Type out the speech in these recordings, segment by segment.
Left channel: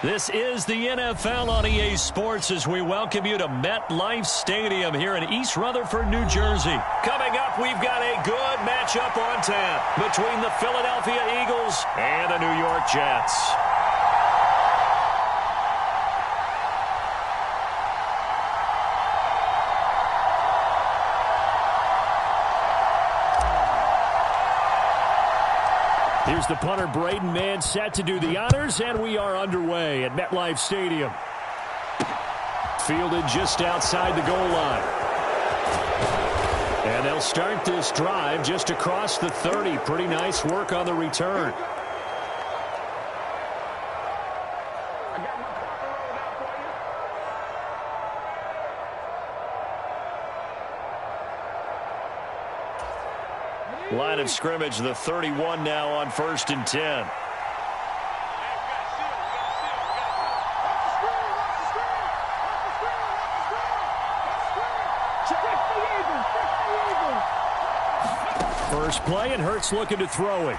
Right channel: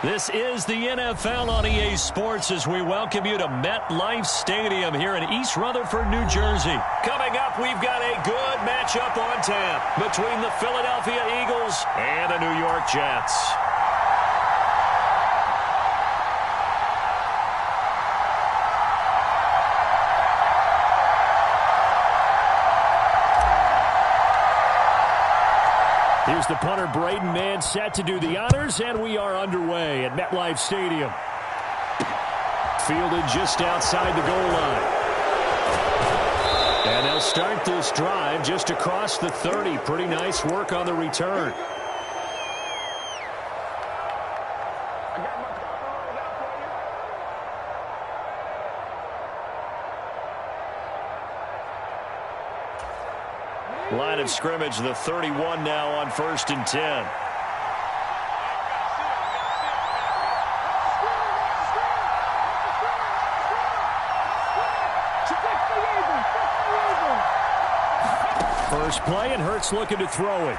This is the NFL on EA Sports as we welcome you to MetLife Stadium here in East Rutherford, New Jersey. Coming up, we've got a good matchup on tap between the Philadelphia Eagles and the New York Jets. Here's the punter, Braden Mann, set to do the honors, and we are underway at MetLife Stadium. Fielded just outside the goal line. And they'll start this drive just across the 30. Pretty nice work on the return. I got my carpet rolled out for you. Line of scrimmage, the 31 now on 1st and 10. First play, and Hurts looking to throw it.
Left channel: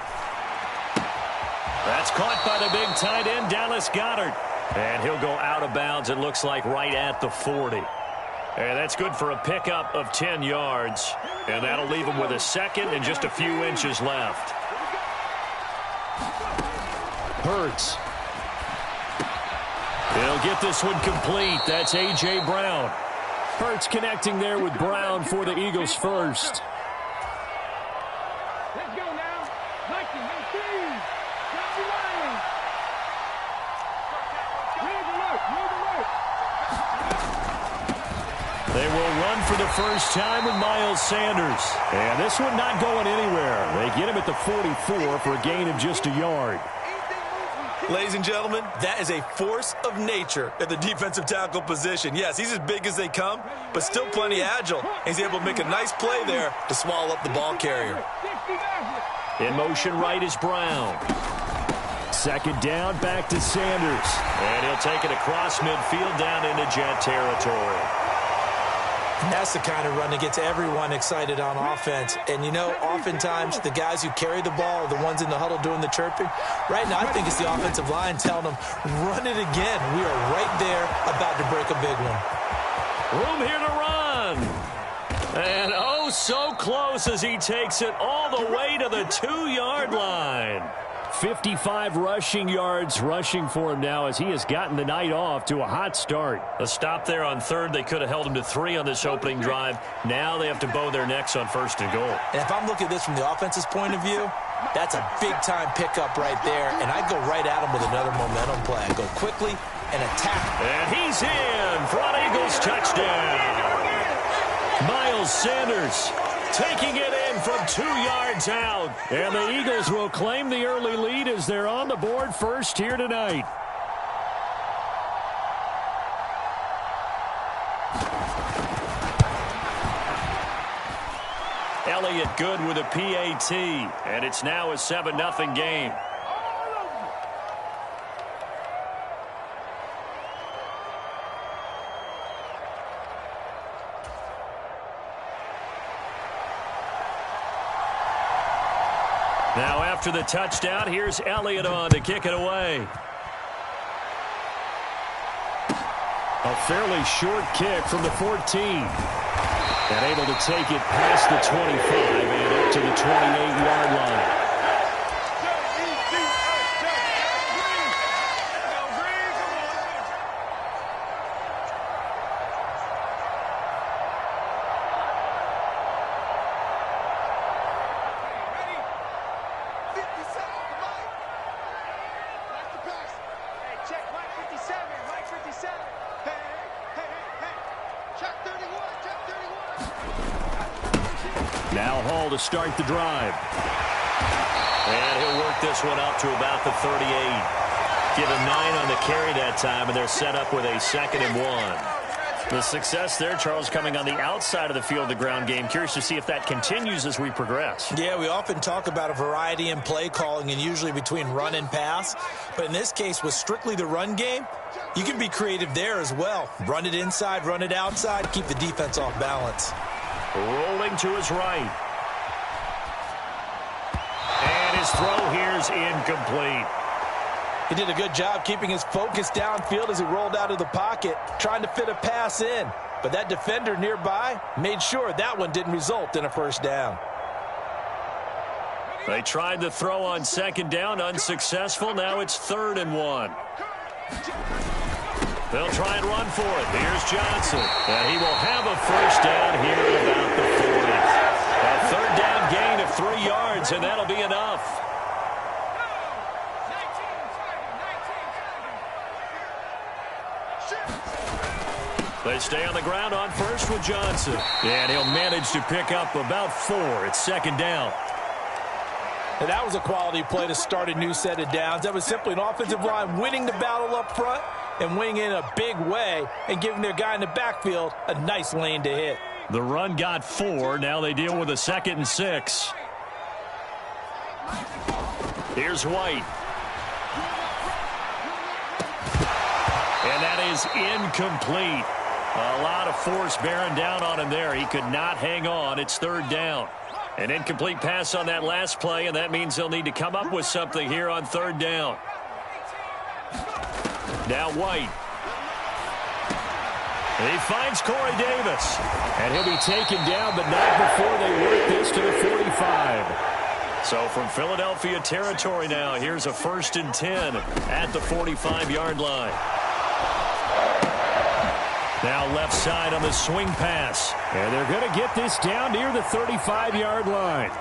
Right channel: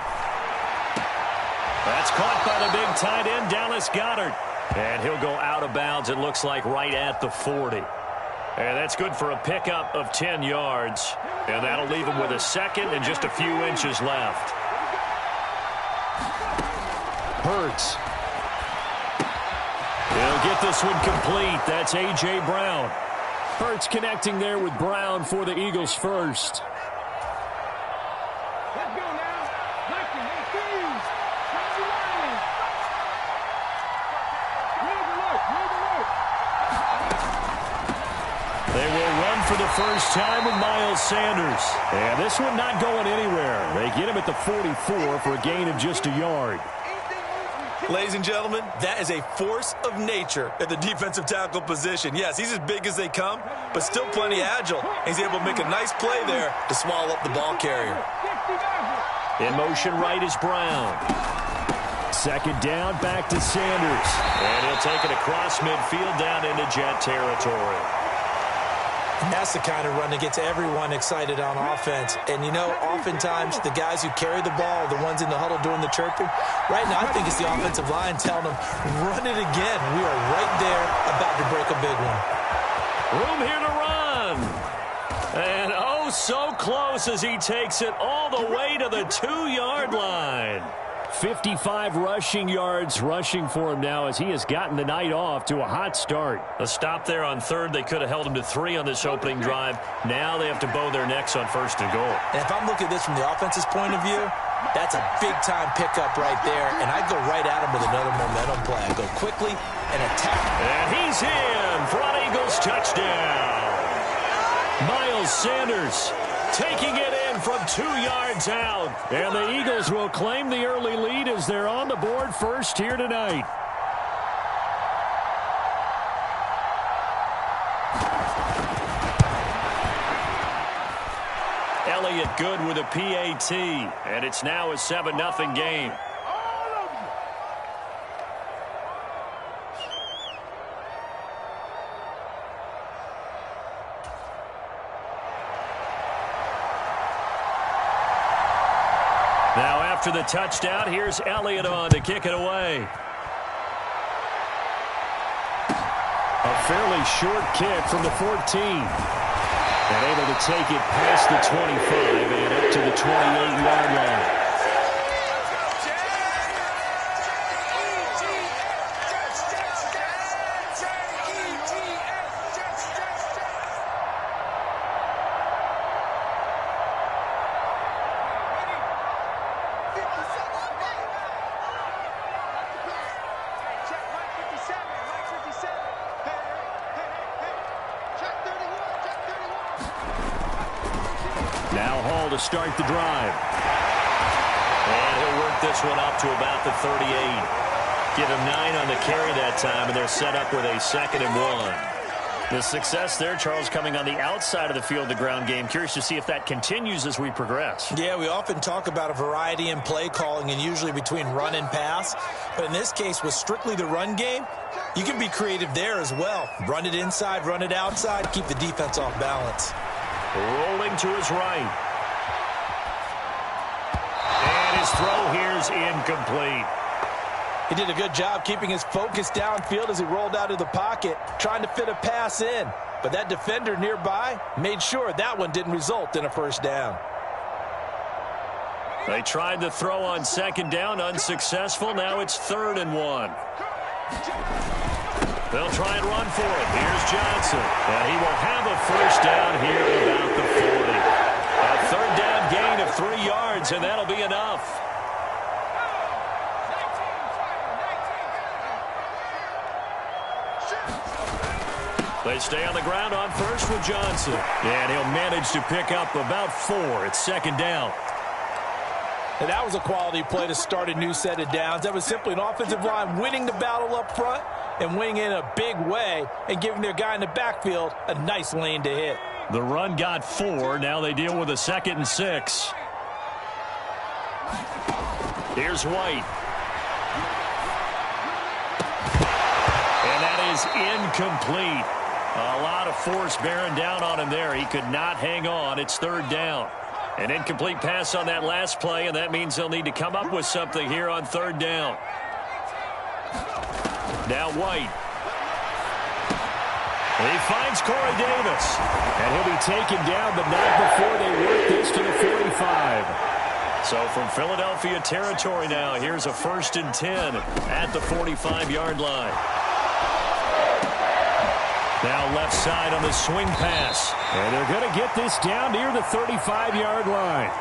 That's caught by the big tight end, Dallas Goedert. And he'll go out of bounds, it looks like, right at the 40. And that's good for a pickup of 10 yards. And that'll leave him with a second and just a few inches left. Hurts. He'll get this one complete. That's A.J. Brown. Hurts connecting there with Brown for the Eagles first. Let's go now. 19, 18. Drop the line. Red alert. Red alert. They will run for the first time with Miles Sanders. And this one not going anywhere. They get him at the 44 for a gain of just a yard. Ladies and gentlemen, that is a force of nature at the defensive tackle position. Yes, he's as big as they come, but still plenty agile. He's able to make a nice play there to swallow up the ball carrier. In motion right is Brown. Second down, back to Sanders. And he'll take it across midfield down into Jet territory. And that's the kind of run that gets everyone excited on offense. And, you know, oftentimes the guys who carry the ball are the ones in the huddle doing the chirping. Right now, I think it's the offensive line telling them, run it again. We are right there about to break a big one. Room here to run. And oh, so close as he takes it all the way to the 2-yard line. 55 rushing yards rushing for him now as he has gotten the night off to a hot start. A stop there on third. They could have held him to 3 on this opening drive. Now they have to bow their necks on 1st and goal. And if I'm looking at this from the offense's point of view, that's a big-time pickup right there. And I go right at him with another momentum play. I go quickly and attack. And he's in for an Eagles touchdown. Miles Sanders taking it in from 2 yards out. And the Eagles will claim the early lead as they're on the board first here tonight. Elliott good with a PAT. And it's now a 7-0 game. Now after the touchdown, here's Elliott on to kick it away. A fairly short kick from the 14. And able to take it past the 25 and up to the 28-yard line. Now Hall to start the drive. And he'll work this one up to about the 38. Give him 9 on the carry that time, and they're set up with a 2nd and 1. The success there, Charles, coming on the outside of the field, the ground game. Curious to see if that continues as we progress. Yeah, we often talk about a variety in play calling and usually between run and pass. But in this case, with strictly the run game, you can be creative there as well. Run it inside, run it outside, keep the defense off balance. Rolling to his right. And his throw here is incomplete. He did a good job keeping his focus downfield as he rolled out of the pocket, trying to fit a pass in. But that defender nearby made sure that one didn't result in a first down. They tried to throw on second down, unsuccessful. Now it's 3rd and 1. They'll try and run for it. Here's Johnson. And he will have a first down here at about the 40. A 3rd down gain of 3 yards, and that'll be enough. They stay on the ground on first with Johnson. And he'll manage to pick up about 4. It's 2nd down. And that was a quality play to start a new set of downs. That was simply an offensive line winning the battle up front and winning in a big way and giving their guy in the backfield a nice lane to hit. The run got 4. Now they deal with a 2nd and 6. Here's White. And that is incomplete. A lot of force bearing down on him there. He could not hang on. It's 3rd down. An incomplete pass on that last play, and that means they'll need to come up with something here on 3rd down. Now White. He finds Corey Davis. And he'll be taken down, but not before they work this to the 45. So from Philadelphia territory now, here's a 1st and 10 at the 45-yard line. Now left side on the swing pass. And they're going to get this down near the 35-yard line.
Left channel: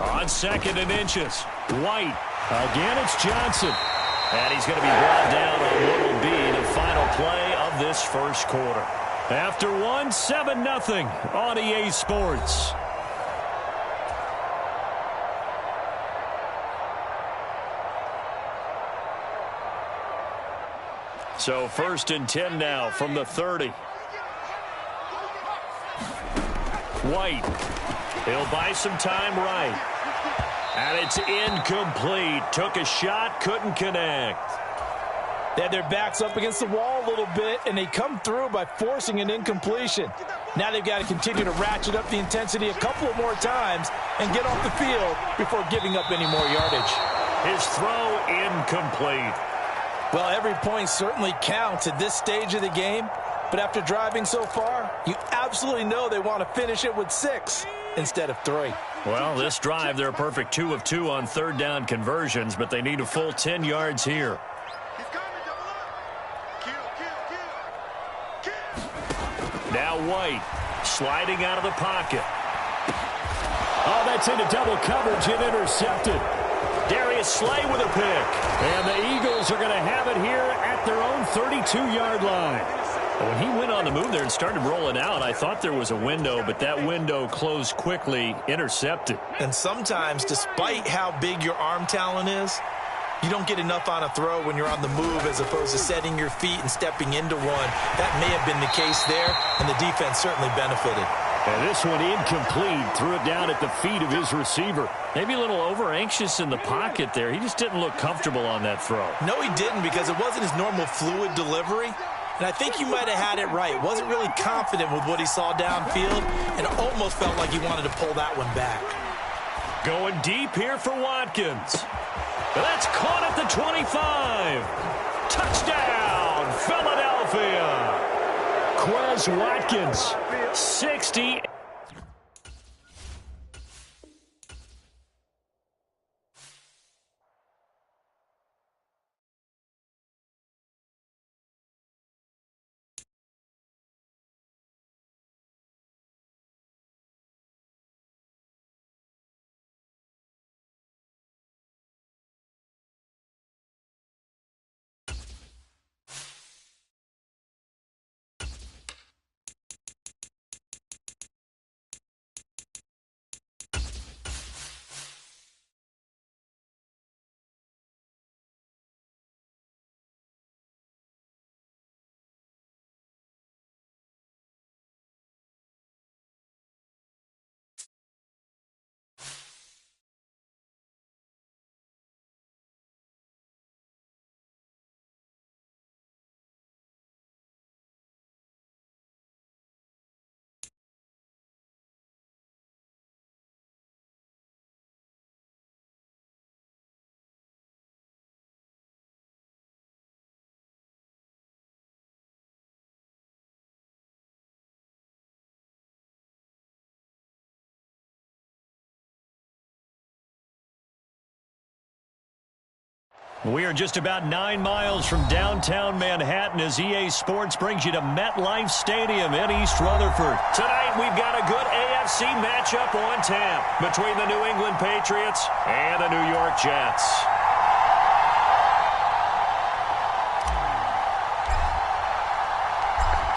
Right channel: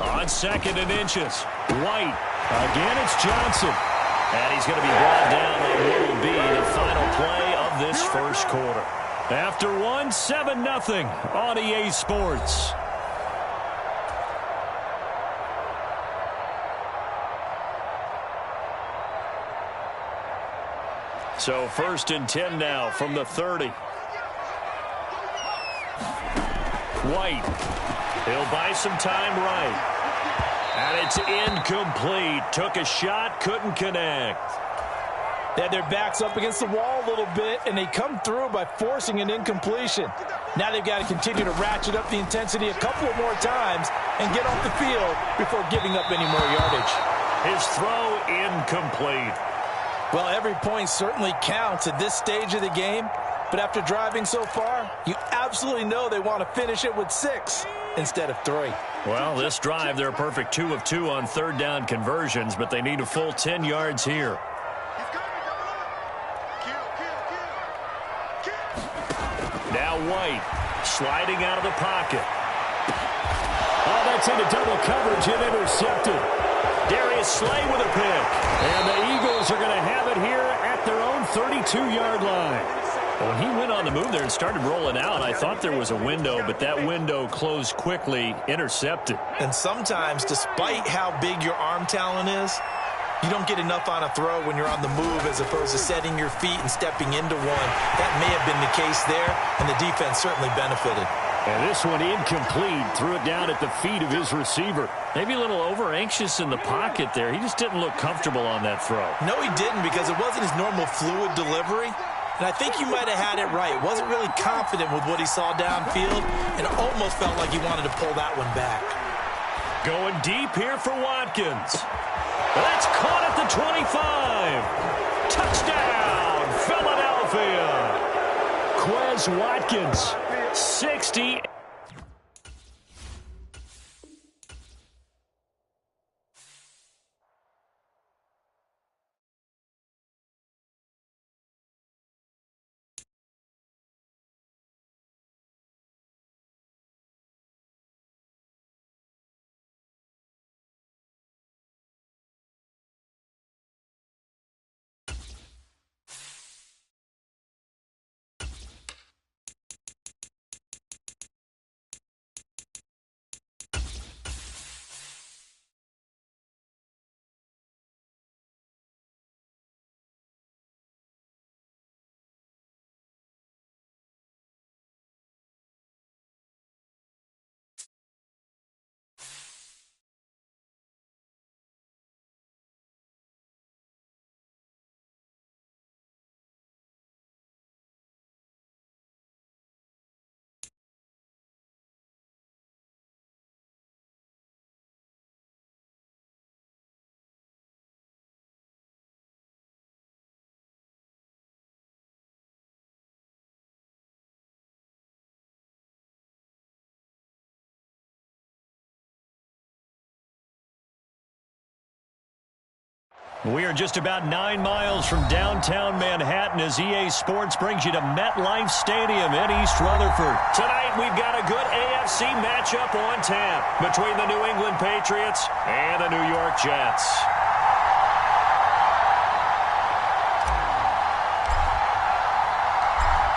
On 2nd and inches. White. Again, it's Johnson. And he's going to be brought down on what will be the final play of this first quarter. After one, 7-0 on EA Sports. So 1st and 10 now from the 30. White. He'll buy some time right. And it's incomplete. Took a shot, couldn't connect. They had their backs up against the wall a little bit, and they come through by forcing an incompletion. Now they've got to continue to ratchet up the intensity a couple of more times and get off the field before giving up any more yardage. His throw incomplete. Well, every point certainly counts at this stage of the game, but after driving so far, you absolutely know they want to finish it with 6 instead of 3. Well, this drive, they're a perfect 2 of 2 on 3rd down conversions, but they need a full 10 yards here. Now White, sliding out of the pocket. Oh, that's into double coverage and intercepted. Darius Slay with a pick. And the Eagles are going to have it here at their own 32-yard line. When he went on the move there and started rolling out, I thought there was a window, but that window closed quickly, intercepted. And sometimes, despite how big your arm talent is, you don't get enough on a throw when you're on the move as opposed to setting your feet and stepping into one. That may have been the case there, and the defense certainly benefited. And this one incomplete. Threw it down at the feet of his receiver. Maybe a little over-anxious in the pocket there. He just didn't look comfortable on that throw. No, he didn't, because it wasn't his normal fluid delivery. And I think you might have had it right. Wasn't really confident with what he saw downfield and almost felt like he wanted to pull that one back. Going deep here for Watkins. That's caught at the 25. Touchdown, Philadelphia. Quez Watkins, 60. We are just about 9 miles from downtown Manhattan as EA Sports brings you to MetLife Stadium in East Rutherford. Tonight, we've got a good AFC matchup on tap between the New England Patriots and the New York Jets.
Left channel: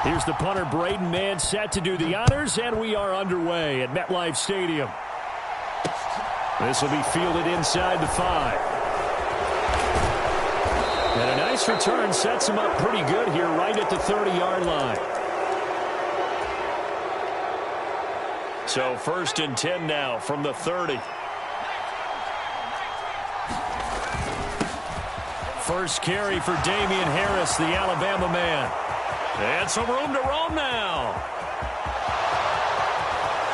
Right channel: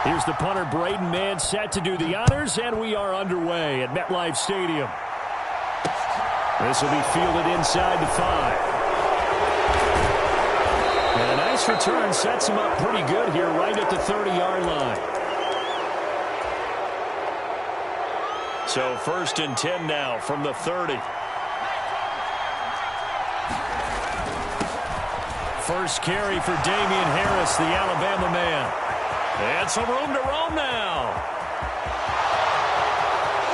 Here's the punter, Braden Mann, set to do the honors, and we are underway at MetLife Stadium. This will be fielded inside the 5. And a nice return sets him up pretty good here right at the 30-yard line. So 1st and 10 now from the 30. First carry for Damian Harris, the Alabama man. And some room to roam now.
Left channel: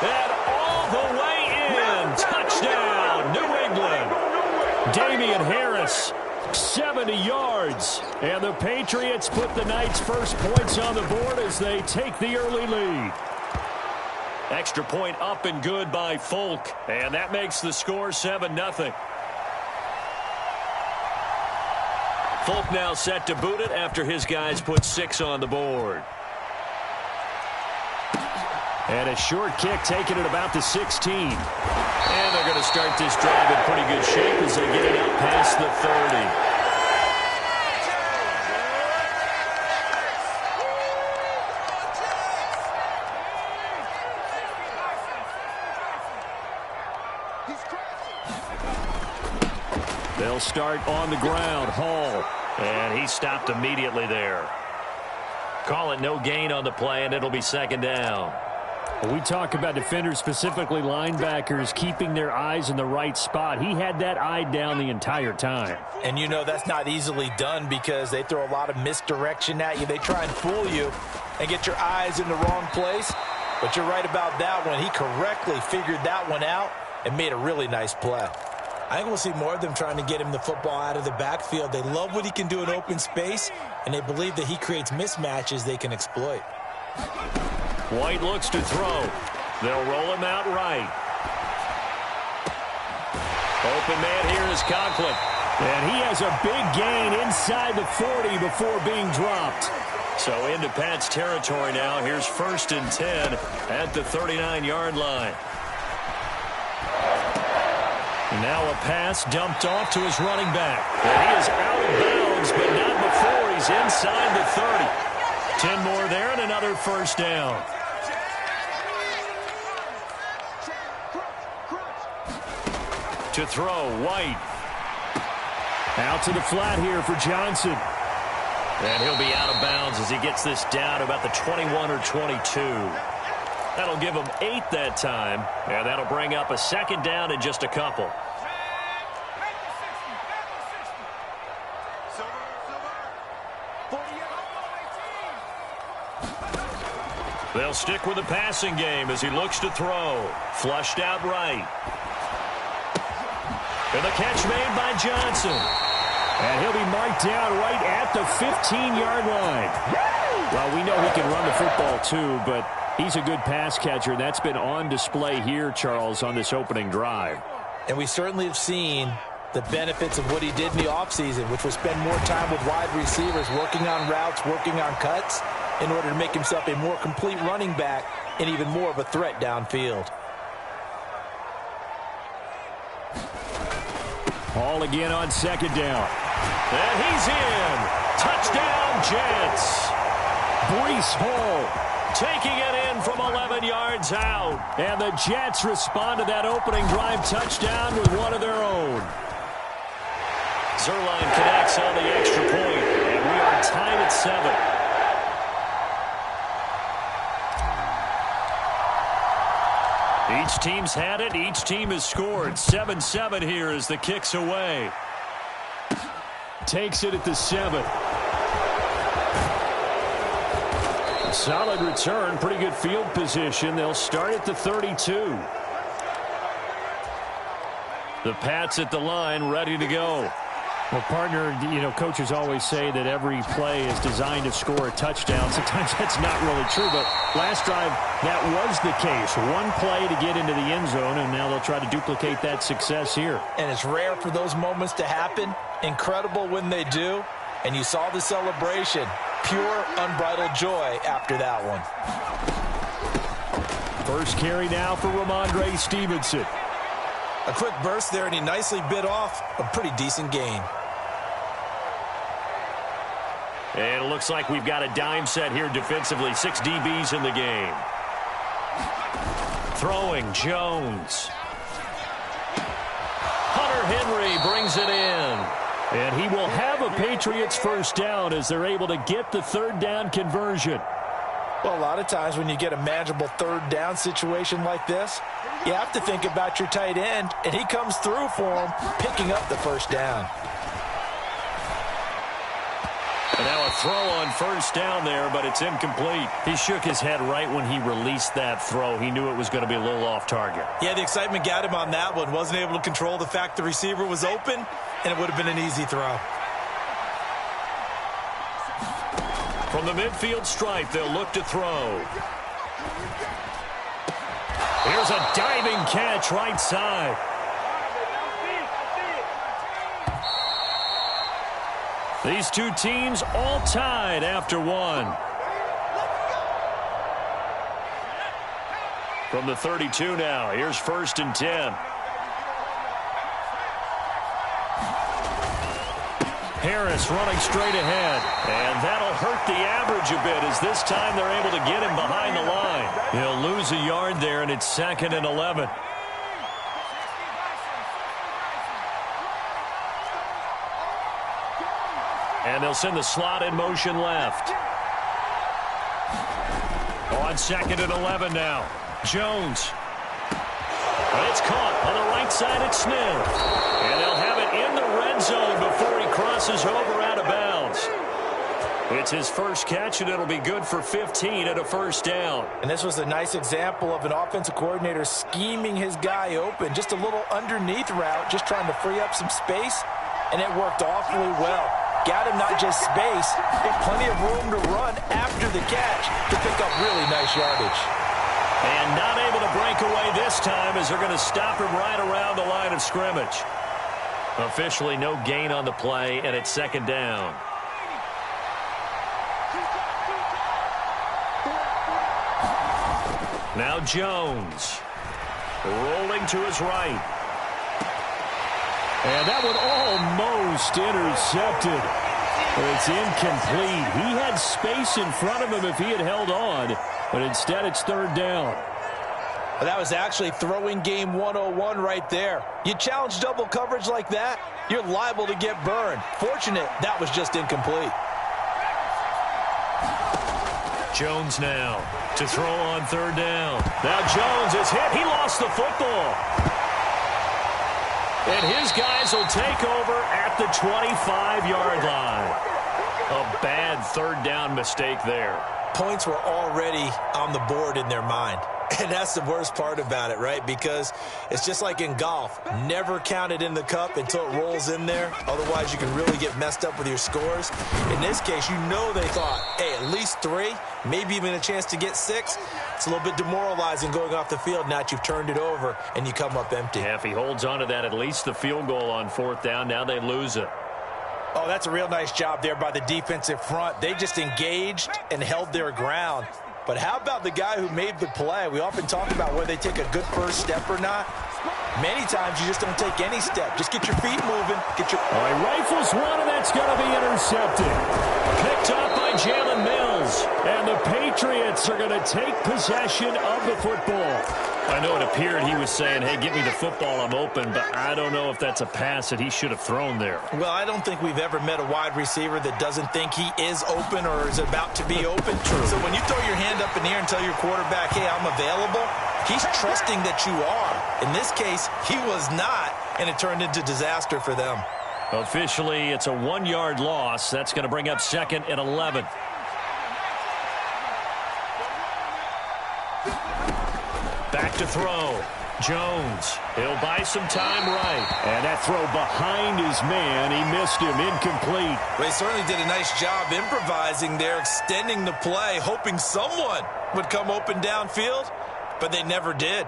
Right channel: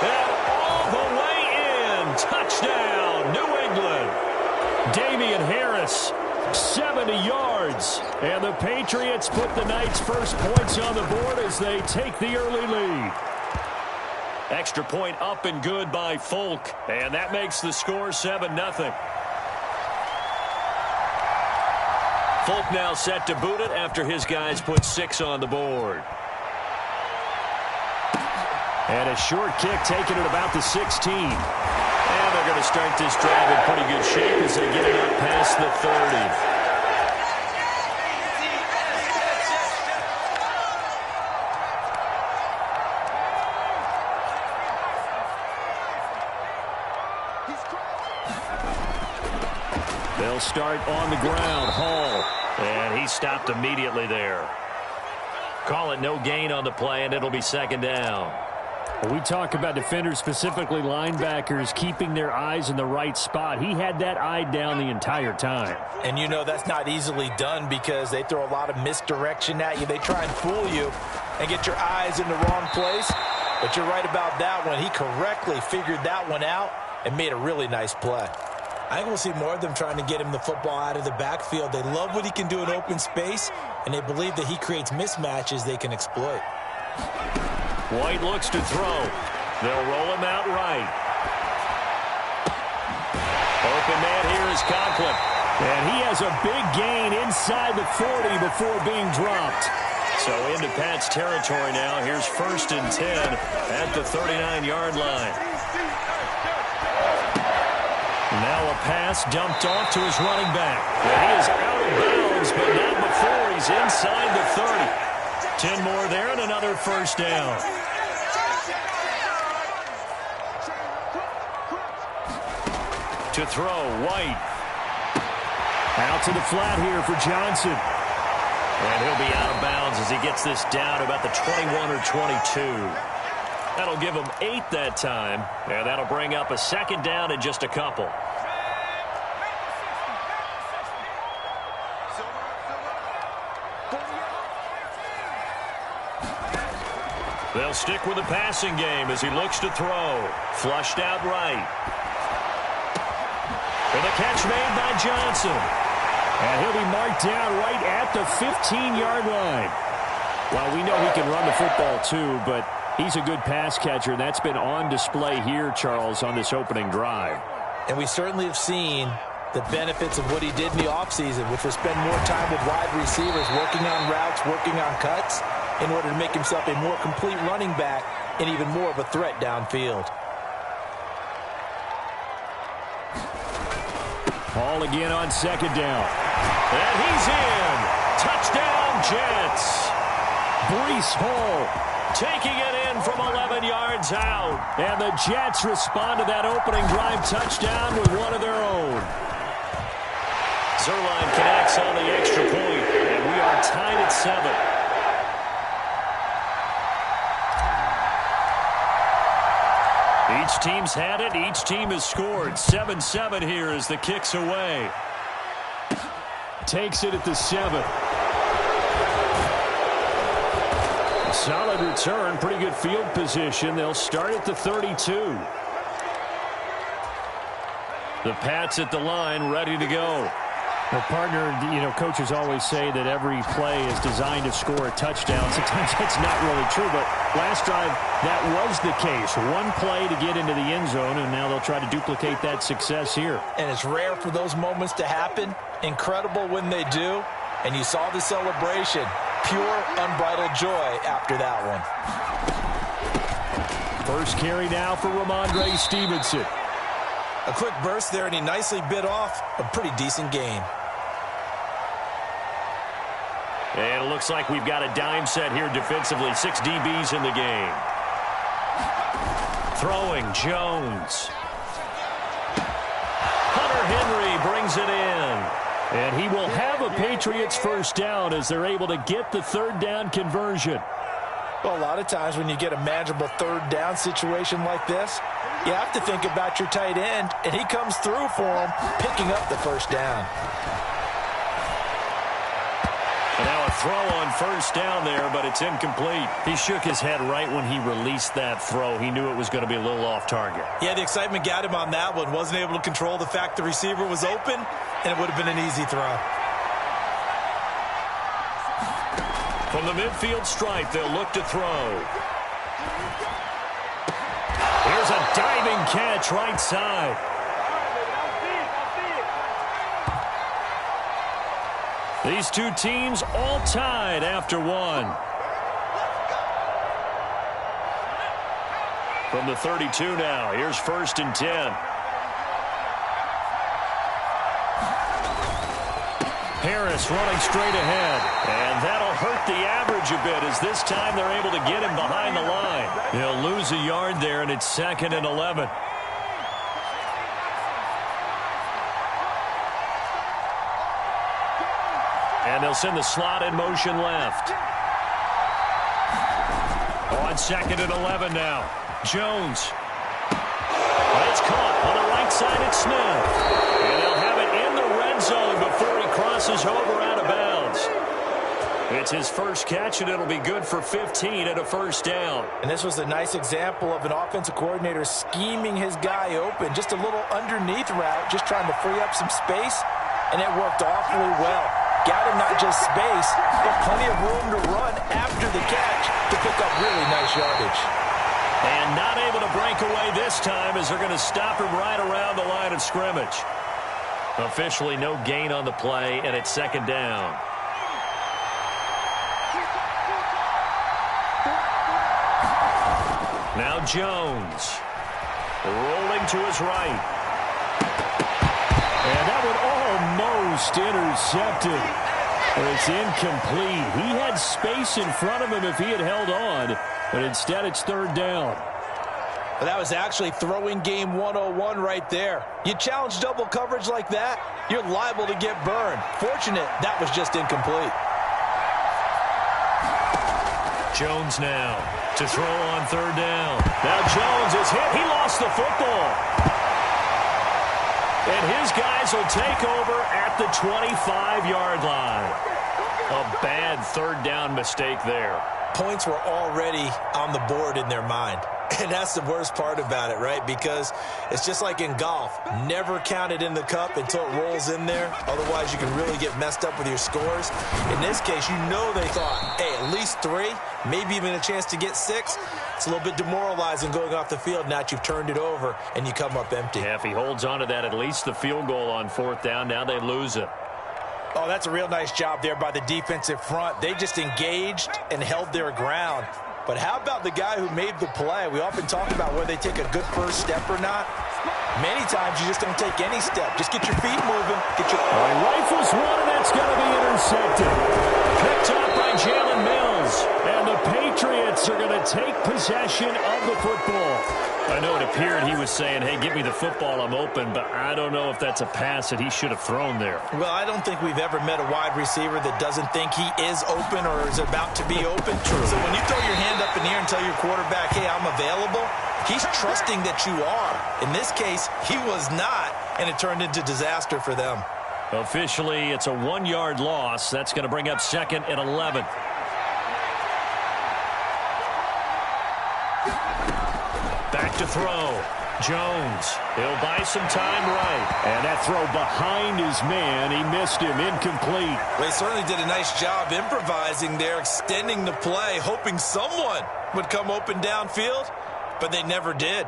And all the way in. Touchdown, New England. Damian Harris, 70 yards. And the Patriots put the night's first points on the board as they take the early lead. Extra point up and good by Folk. And that makes the score 7-0. Folk now set to boot it after his guys put 6 on the board. And a short kick taken at about the 16. And they're going to start this drive in pretty good shape as they get it up past the 30. They'll start on the ground. Hall. And he stopped immediately there. Call it no gain on the play, and it'll be 2nd down. We talk about defenders, specifically linebackers, keeping their eyes in the right spot. He had that eye down the entire time. And you know that's not easily done because they throw a lot of misdirection at you. They try and fool you and get your eyes in the wrong place. But you're right about that one. He correctly figured that one out and made a really nice play. I think we'll see more of them trying to get him the football out of the backfield. They love what he can do in open space, and they believe that he creates mismatches they can exploit. White looks to throw. They'll roll him out right. Open man here is Conklin. And he has a big gain inside the 40 before being dropped. So into Pat's territory now. Here's 1st and 10 at the 39-yard line. Now a pass dumped off to his running back. And he is out of bounds, but not before he's inside the 30. 10 more there and another 1st down. To throw, White. Out to the flat here for Johnson. And he'll be out of bounds as he gets this down about the 21 or 22. That'll give him 8 that time, and that'll bring up a 2nd down in just a couple. They'll stick with the passing game as he looks to throw. Flushed out right. And the catch made by Johnson. And he'll be marked down right at the 15-yard line. Well, we know he can run the football too, but he's a good pass catcher. That's been on display here, Charles, on this opening drive. And we certainly have seen the benefits of what he did in the offseason, which was spend more time with wide receivers, working on routes, working on cuts, in order to make himself a more complete running back and even more of a threat downfield. Hall again on 2nd down. And he's in. Touchdown, Jets. Breece Hall taking it in from 11 yards out. And the Jets respond to that opening drive touchdown with one of their own. Zerline connects on the extra point, and we are tied at 7. Each team's had it. Each team has scored. 7-7 here as the kick's away. Takes it at the 7. Solid return. Pretty good field position. They'll start at the 32. The Pats at the line, ready to go. Well, partner, you know, coaches always say that every play is designed to score a touchdown. Sometimes that's not really true, but last drive, that was the case. One play to get into the end zone, and now they'll try to duplicate that success here. And it's rare for those moments to happen, Incredible when they do, and you saw the celebration. Pure, unbridled joy after that one. First carry now for Ramondre Stevenson. A quick burst there, and he nicely bit off a pretty decent gain. And it looks like we've got a dime set here defensively. 6 DBs in the game. Throwing, Jones. Hunter Henry brings it in. And he will have a Patriots first down as they're able to get the third down conversion. Well, a lot of times when you get a manageable third down situation like this, you have to think about your tight end, and he comes through for him, picking up the first down. And now a throw on first down there, but it's incomplete. He shook his head right when he released that throw. He knew it was going to be a little off target. Yeah, the excitement got him on that one. Wasn't able to control the fact the receiver was open, and it would have been an easy throw. From the midfield stripe, they'll look to throw. Here's a diving catch right side. These two teams all tied after one. From the 32 now, here's 1st and 10. Harris running straight ahead. And that'll hurt the average a bit as this time they're able to get him behind the line. He'll lose a yard there, and it's 2nd and 11. And they'll send the slot in motion left. On 2nd and 11 now. Jones. But it's caught on the right side at Smith. And they'll have it in the red zone before he crosses over out of bounds. It's his first catch, and it'll be good for 15 and a first down. And this was a nice example of an offensive coordinator scheming his guy open. Just a little underneath route, just trying to free up some space, and it worked awfully well. Got him not just space, but plenty of room to run after the catch to pick up really nice yardage. And not able to break away this time as they're going to stop him right around the line of scrimmage. Officially no gain on the play, and it's 2nd down. Now Jones. Rolling to his right. And that one almost intercepted. But it's incomplete. He had space in front of him if he had held on. But instead it's 3rd down. Well, that was actually throwing game 101 right there. You challenge double coverage like that, you're liable to get burned. Fortunate that was just incomplete. Jones now to throw on 3rd down. Now Jones is hit. He lost the football. And his guys will take over at the 25-yard line. A bad 3rd down mistake there. Points were already on the board in their mind. And that's the worst part about it, right? Because it's just like in golf. Never count it in the cup until it rolls in there. Otherwise, you can really get messed up with your scores. In this case, you know they thought, hey, at least 3, maybe even a chance to get 6. It's a little bit demoralizing going off the field now that you've turned it over and you come up empty. Yeah, if he holds on to that, at least the field goal on 4th down. Now they lose it. Oh, that's a real nice job there by the defensive front. They just engaged and held their ground. But how about the guy who made the play? We often talk about whether they take a good first step or not. Many times you just don't take any step. Just get your feet moving. Get your... All right, rifles one, and that's going to be intercepted. Picked up by Jalen Mills. And the Patriots are going to take possession of the football. I know it appeared he was saying, hey, give me the football, I'm open, but I don't know if that's a pass that he should have thrown there. Well, I don't think we've ever met a wide receiver that doesn't think he is open or is about to be open. True. So when you throw your hand up in the air and tell your quarterback, hey, I'm available, he's trusting that you are. In this case, he was not, and it turned into disaster for them. Officially, it's a 1-yard loss. That's going to bring up 2nd and 11. Back to throw. Jones. He'll buy some time right. And that throw behind his man. He missed him. Incomplete. Well, he certainly did a nice job improvising there, extending the play, hoping someone would come open downfield, but they never did.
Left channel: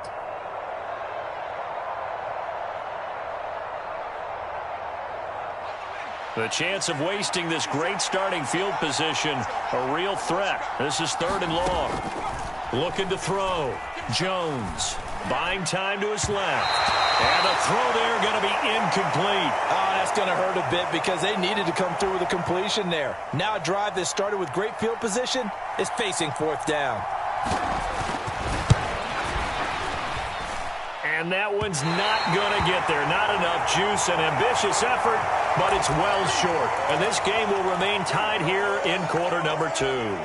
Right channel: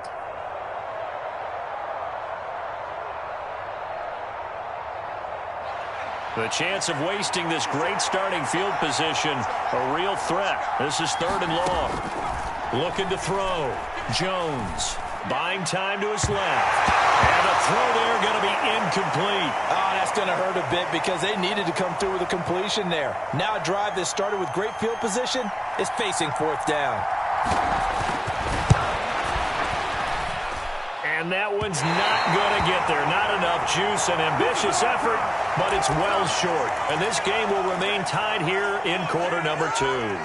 The chance of wasting this great starting field position, a real threat. This is 3rd and long. Looking to throw. Jones buying time to his left. And a throw there going to be incomplete. Oh, that's going to hurt a bit because they needed to come through with a completion there. Now a drive that started with great field position is facing 4th down. And that one's not going to get there. Not enough juice. An ambitious effort, but it's well short. And this game will remain tied here in quarter number 2.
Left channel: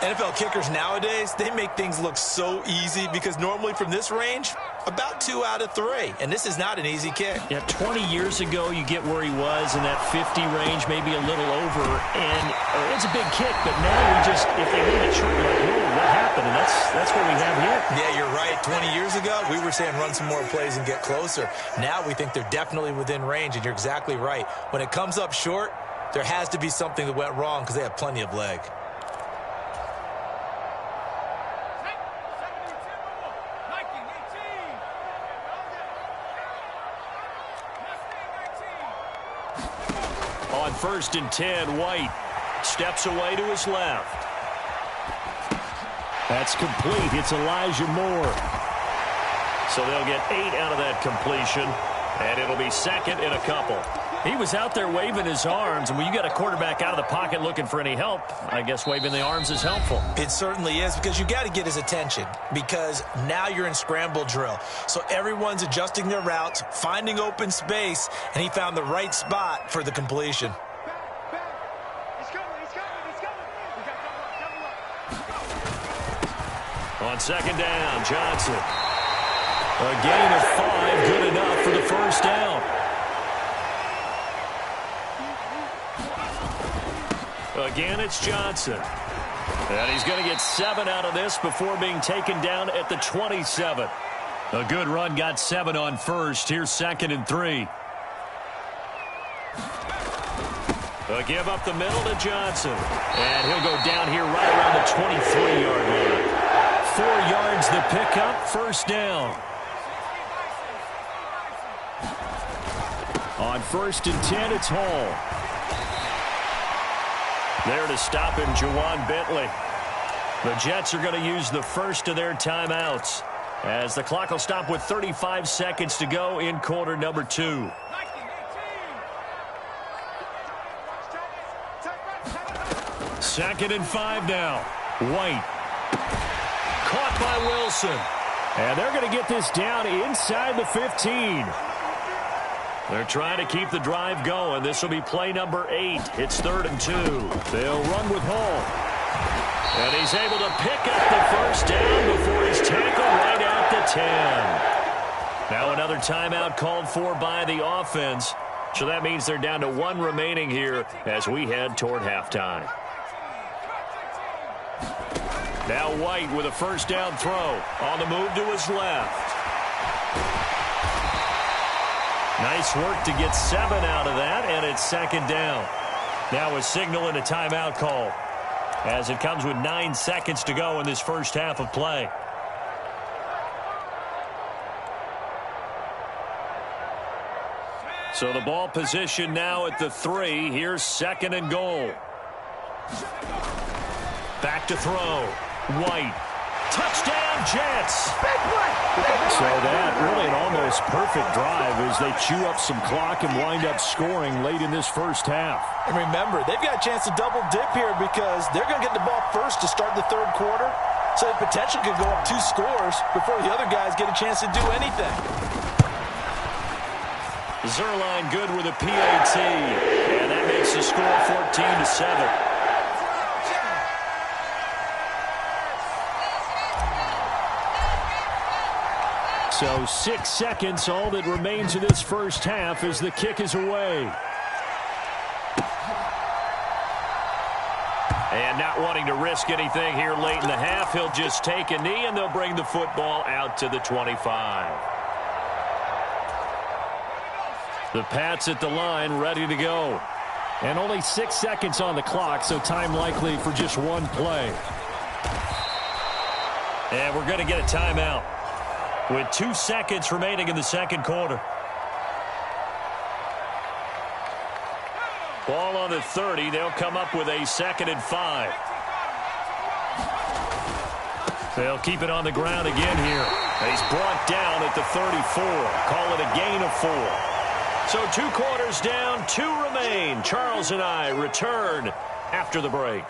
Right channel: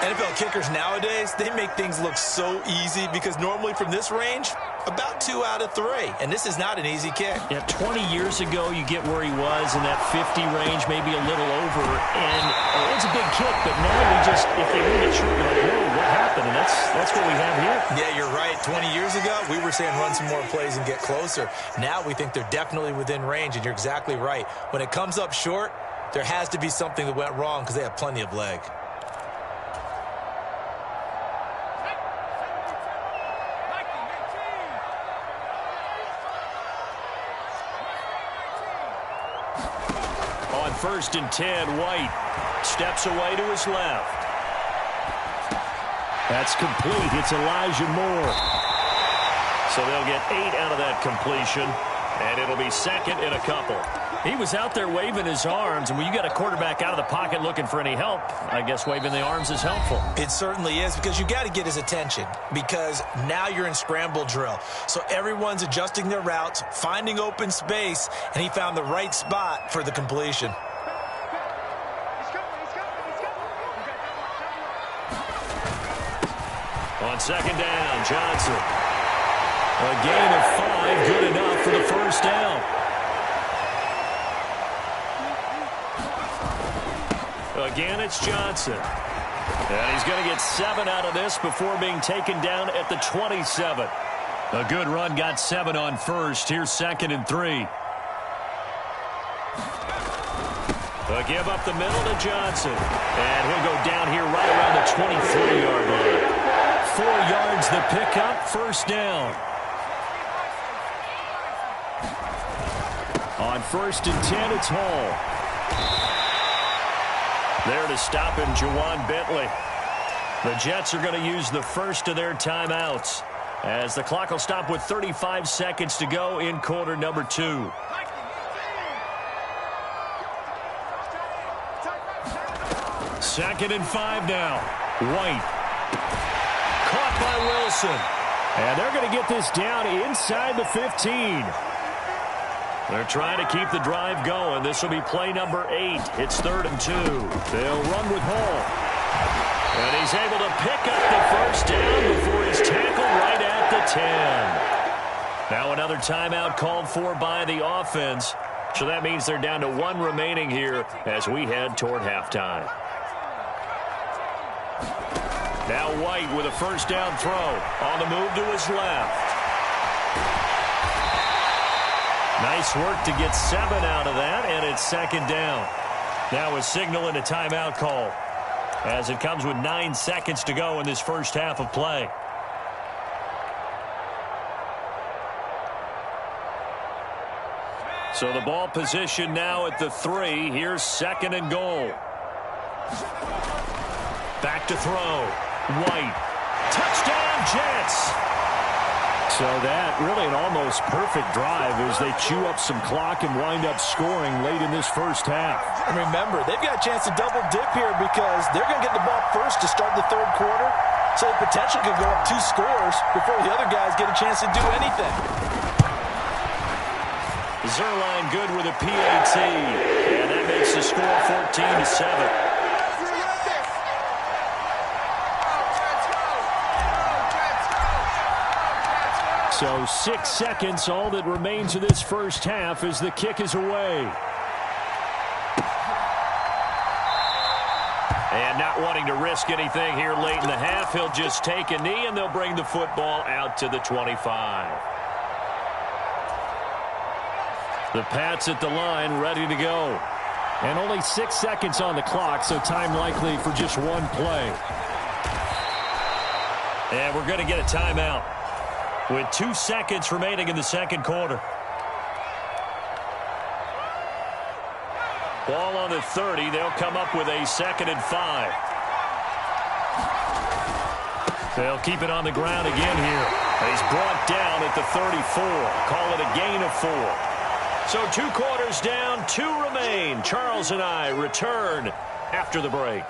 NFL kickers nowadays, they make things look so easy because normally from this range, about 2 out of 3. And this is not an easy kick. Yeah, 20 years ago, you get where he was in that 50 range, maybe a little over. And it's a big kick, but now we just, if they leave it short, you're like, whoa, what happened? And that's what we have here. Yeah, you're right. 20 years ago, we were saying run some more plays and get closer. Now we think they're definitely within range, and you're exactly right. When it comes up short, there has to be something that went wrong because they have plenty of leg. On 1st and 10, White steps away to his left. That's complete. It's Elijah Moore. So they'll get 8 out of that completion, and it'll be 2nd and a couple. He was out there waving his arms, and when you got a quarterback out of the pocket looking for any help, I guess waving the arms is helpful. It certainly is, because you got to get his attention, because now you're in scramble drill. So everyone's adjusting their routes, finding open space, and he found the right spot for the completion. On 2nd down, Johnson. A gain of 5, good enough for the 1st down. Again, it's Johnson. And he's going to get 7 out of this before being taken down at the 27. A good run got 7 on 1st. Here's 2nd and 3. A give up the middle to Johnson. And he'll go down here right around the 23-yard line. 4 yards the pickup, 1st down. On 1st and 10, it's Hall. There to stop him, Juwan Bentley. The Jets are going to use the first of their timeouts as the clock will stop with 35 seconds to go in quarter number 2. 2nd and 5 now. White. Caught by Wilson. And they're going to get this down inside the 15. They're trying to keep the drive going. This will be play number 8. It's 3rd and 2. They'll run with Hall. And he's able to pick up the 1st down before he's tackled right at the 10. Now another timeout called for by the offense. So that means they're down to 1 remaining here as we head toward halftime. Now White with a 1st down throw. On the move to his left. Nice work to get 7 out of that, and it's 2nd down. Now a signal and a timeout call as it comes with 9 seconds to go in this first half of play. So the ball position now at the 3. Here's 2nd and goal. Back to throw. White. Touchdown, Jets. So that really an almost perfect drive as they chew up some clock and wind up scoring late in this first half. And remember, they've got a chance to double dip here because they're going to get the ball first to start the 3rd quarter. So the potential could go up 2 scores before the other guys get a chance to do anything. Zerline good with a PAT. And that makes the score 14-7. So 6 seconds, all that remains of this first half as the kick is away. And not wanting to risk anything here late in the half, he'll just take a knee and they'll bring the football out to the 25. The Pats at the line ready to go. And only 6 seconds on the clock, so time likely for just 1 play. And we're going to get a timeout with 2 seconds remaining in the 2nd quarter. Ball on the 30. They'll come up with a 2nd and 5. They'll keep it on the ground again here. He's brought down at the 34. Call it a gain of 4. So 2 quarters down, 2 remain. Charles and I return after the break.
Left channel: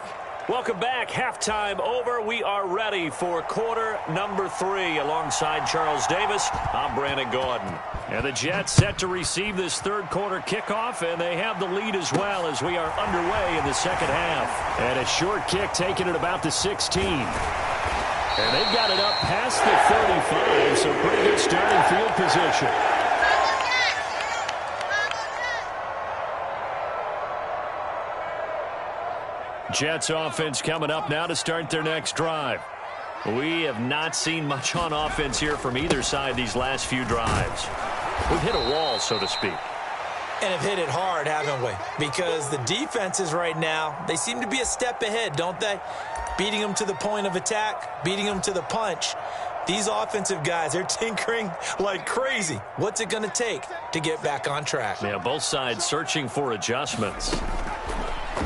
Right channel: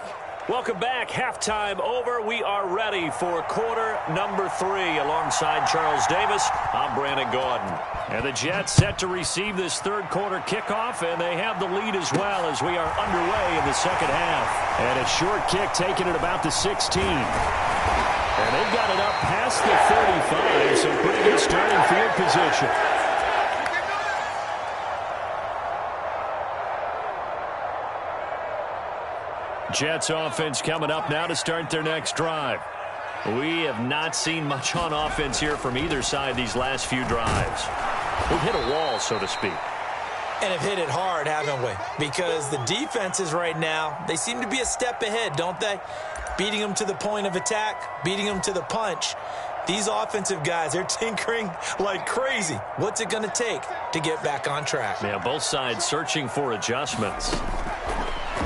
Welcome back. Halftime over. We are ready for quarter number 3. Alongside Charles Davis, I'm Brandon Gordon. And the Jets set to receive this 3rd quarter kickoff, and they have the lead as well as we are underway in the 2nd half. And a short kick taken at about the 16. And they've got it up past the 35, so pretty good starting field position. Jets offense coming up now to start their next drive. We have not seen much on offense here from either side these last few drives. We've hit a wall, so to speak. And have hit it hard, haven't we? Because the defenses right now, they seem to be a step ahead, don't they? Beating them to the point of attack, beating them to the punch. These offensive guys, they're tinkering like crazy. What's it going to take to get back on track? Yeah, both sides searching for adjustments.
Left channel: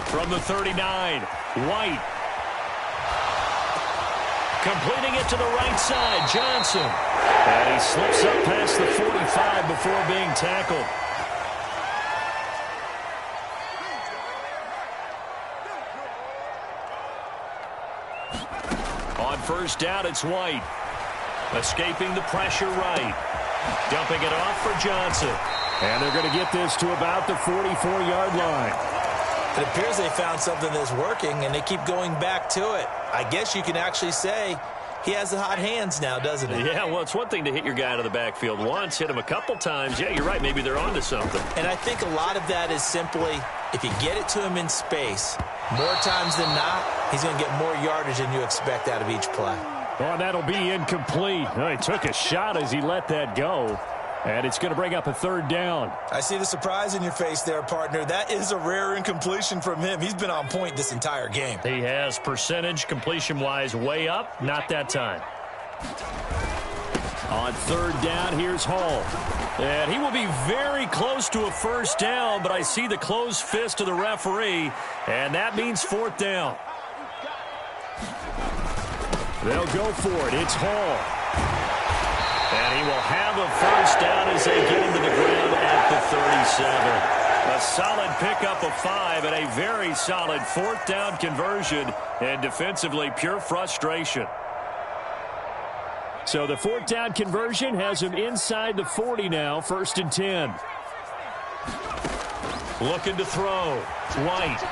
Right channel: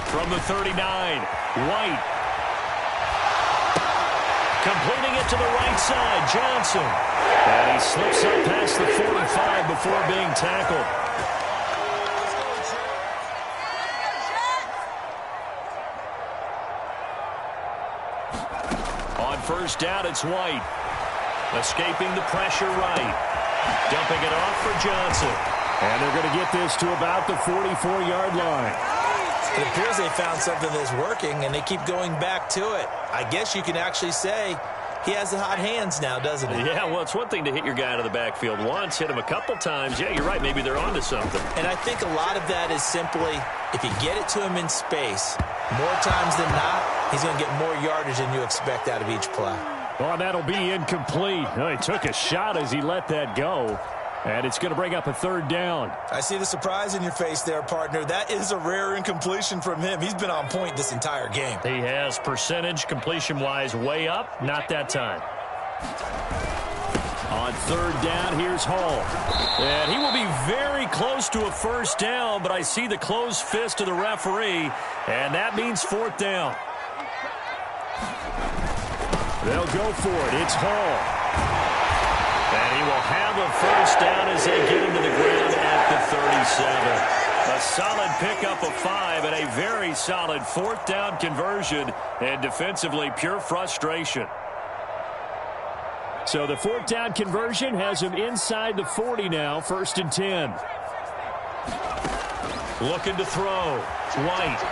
From the 39, White. Completing it to the right side, Johnson. And he slips up past the 45 before being tackled. On 1st down, it's White. Escaping the pressure right. Dumping it off for Johnson. And they're going to get this to about the 44-yard line. It appears they found something that's working, and they keep going back to it. I guess you can actually say he has the hot hands now, doesn't he? Yeah, well, it's one thing to hit your guy out of the backfield once, hit him a couple times. Yeah, you're right. Maybe they're onto something. And I think a lot of that is simply if you get it to him in space, more times than not, he's going to get more yardage than you expect out of each play. Oh, and that'll be incomplete. Oh, he took a shot as he let that go. And it's going to bring up a 3rd down. I see the surprise in your face there, partner. That is a rare incompletion from him. He's been on point this entire game. He has percentage completion-wise way up. Not that time. On 3rd down, here's Hall. And he will be very close to a 1st down, but I see the closed fist of the referee, and that means 4th down. They'll go for it. It's Hall. And he will have a 1st down as they get him to the ground at the 37. A solid pickup of 5 and a very solid 4th down conversion. And defensively, pure frustration. So the 4th down conversion has him inside the 40 now, 1st and 10. Looking to throw. White.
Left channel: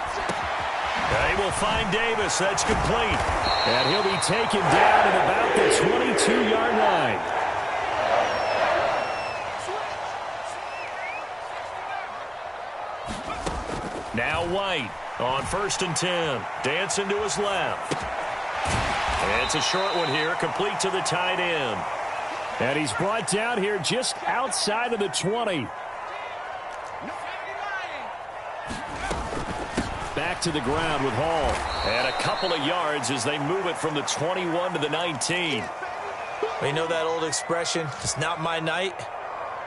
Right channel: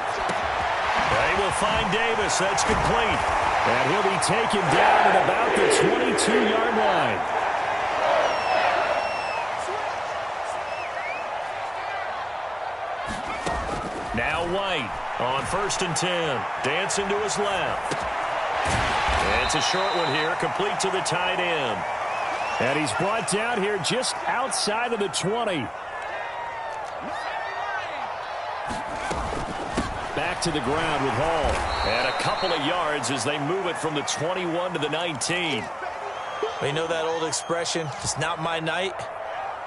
They will find Davis. That's complete. And he'll be taken down at about the 22-yard line. Now White on 1st and 10. Dancing to his left. It's a short one here, complete to the tight end. And he's brought down here just outside of the 20. Back to the ground with Hall. And a couple of yards as they move it from the 21 to the 19. Well, you know that old expression, it's not my night.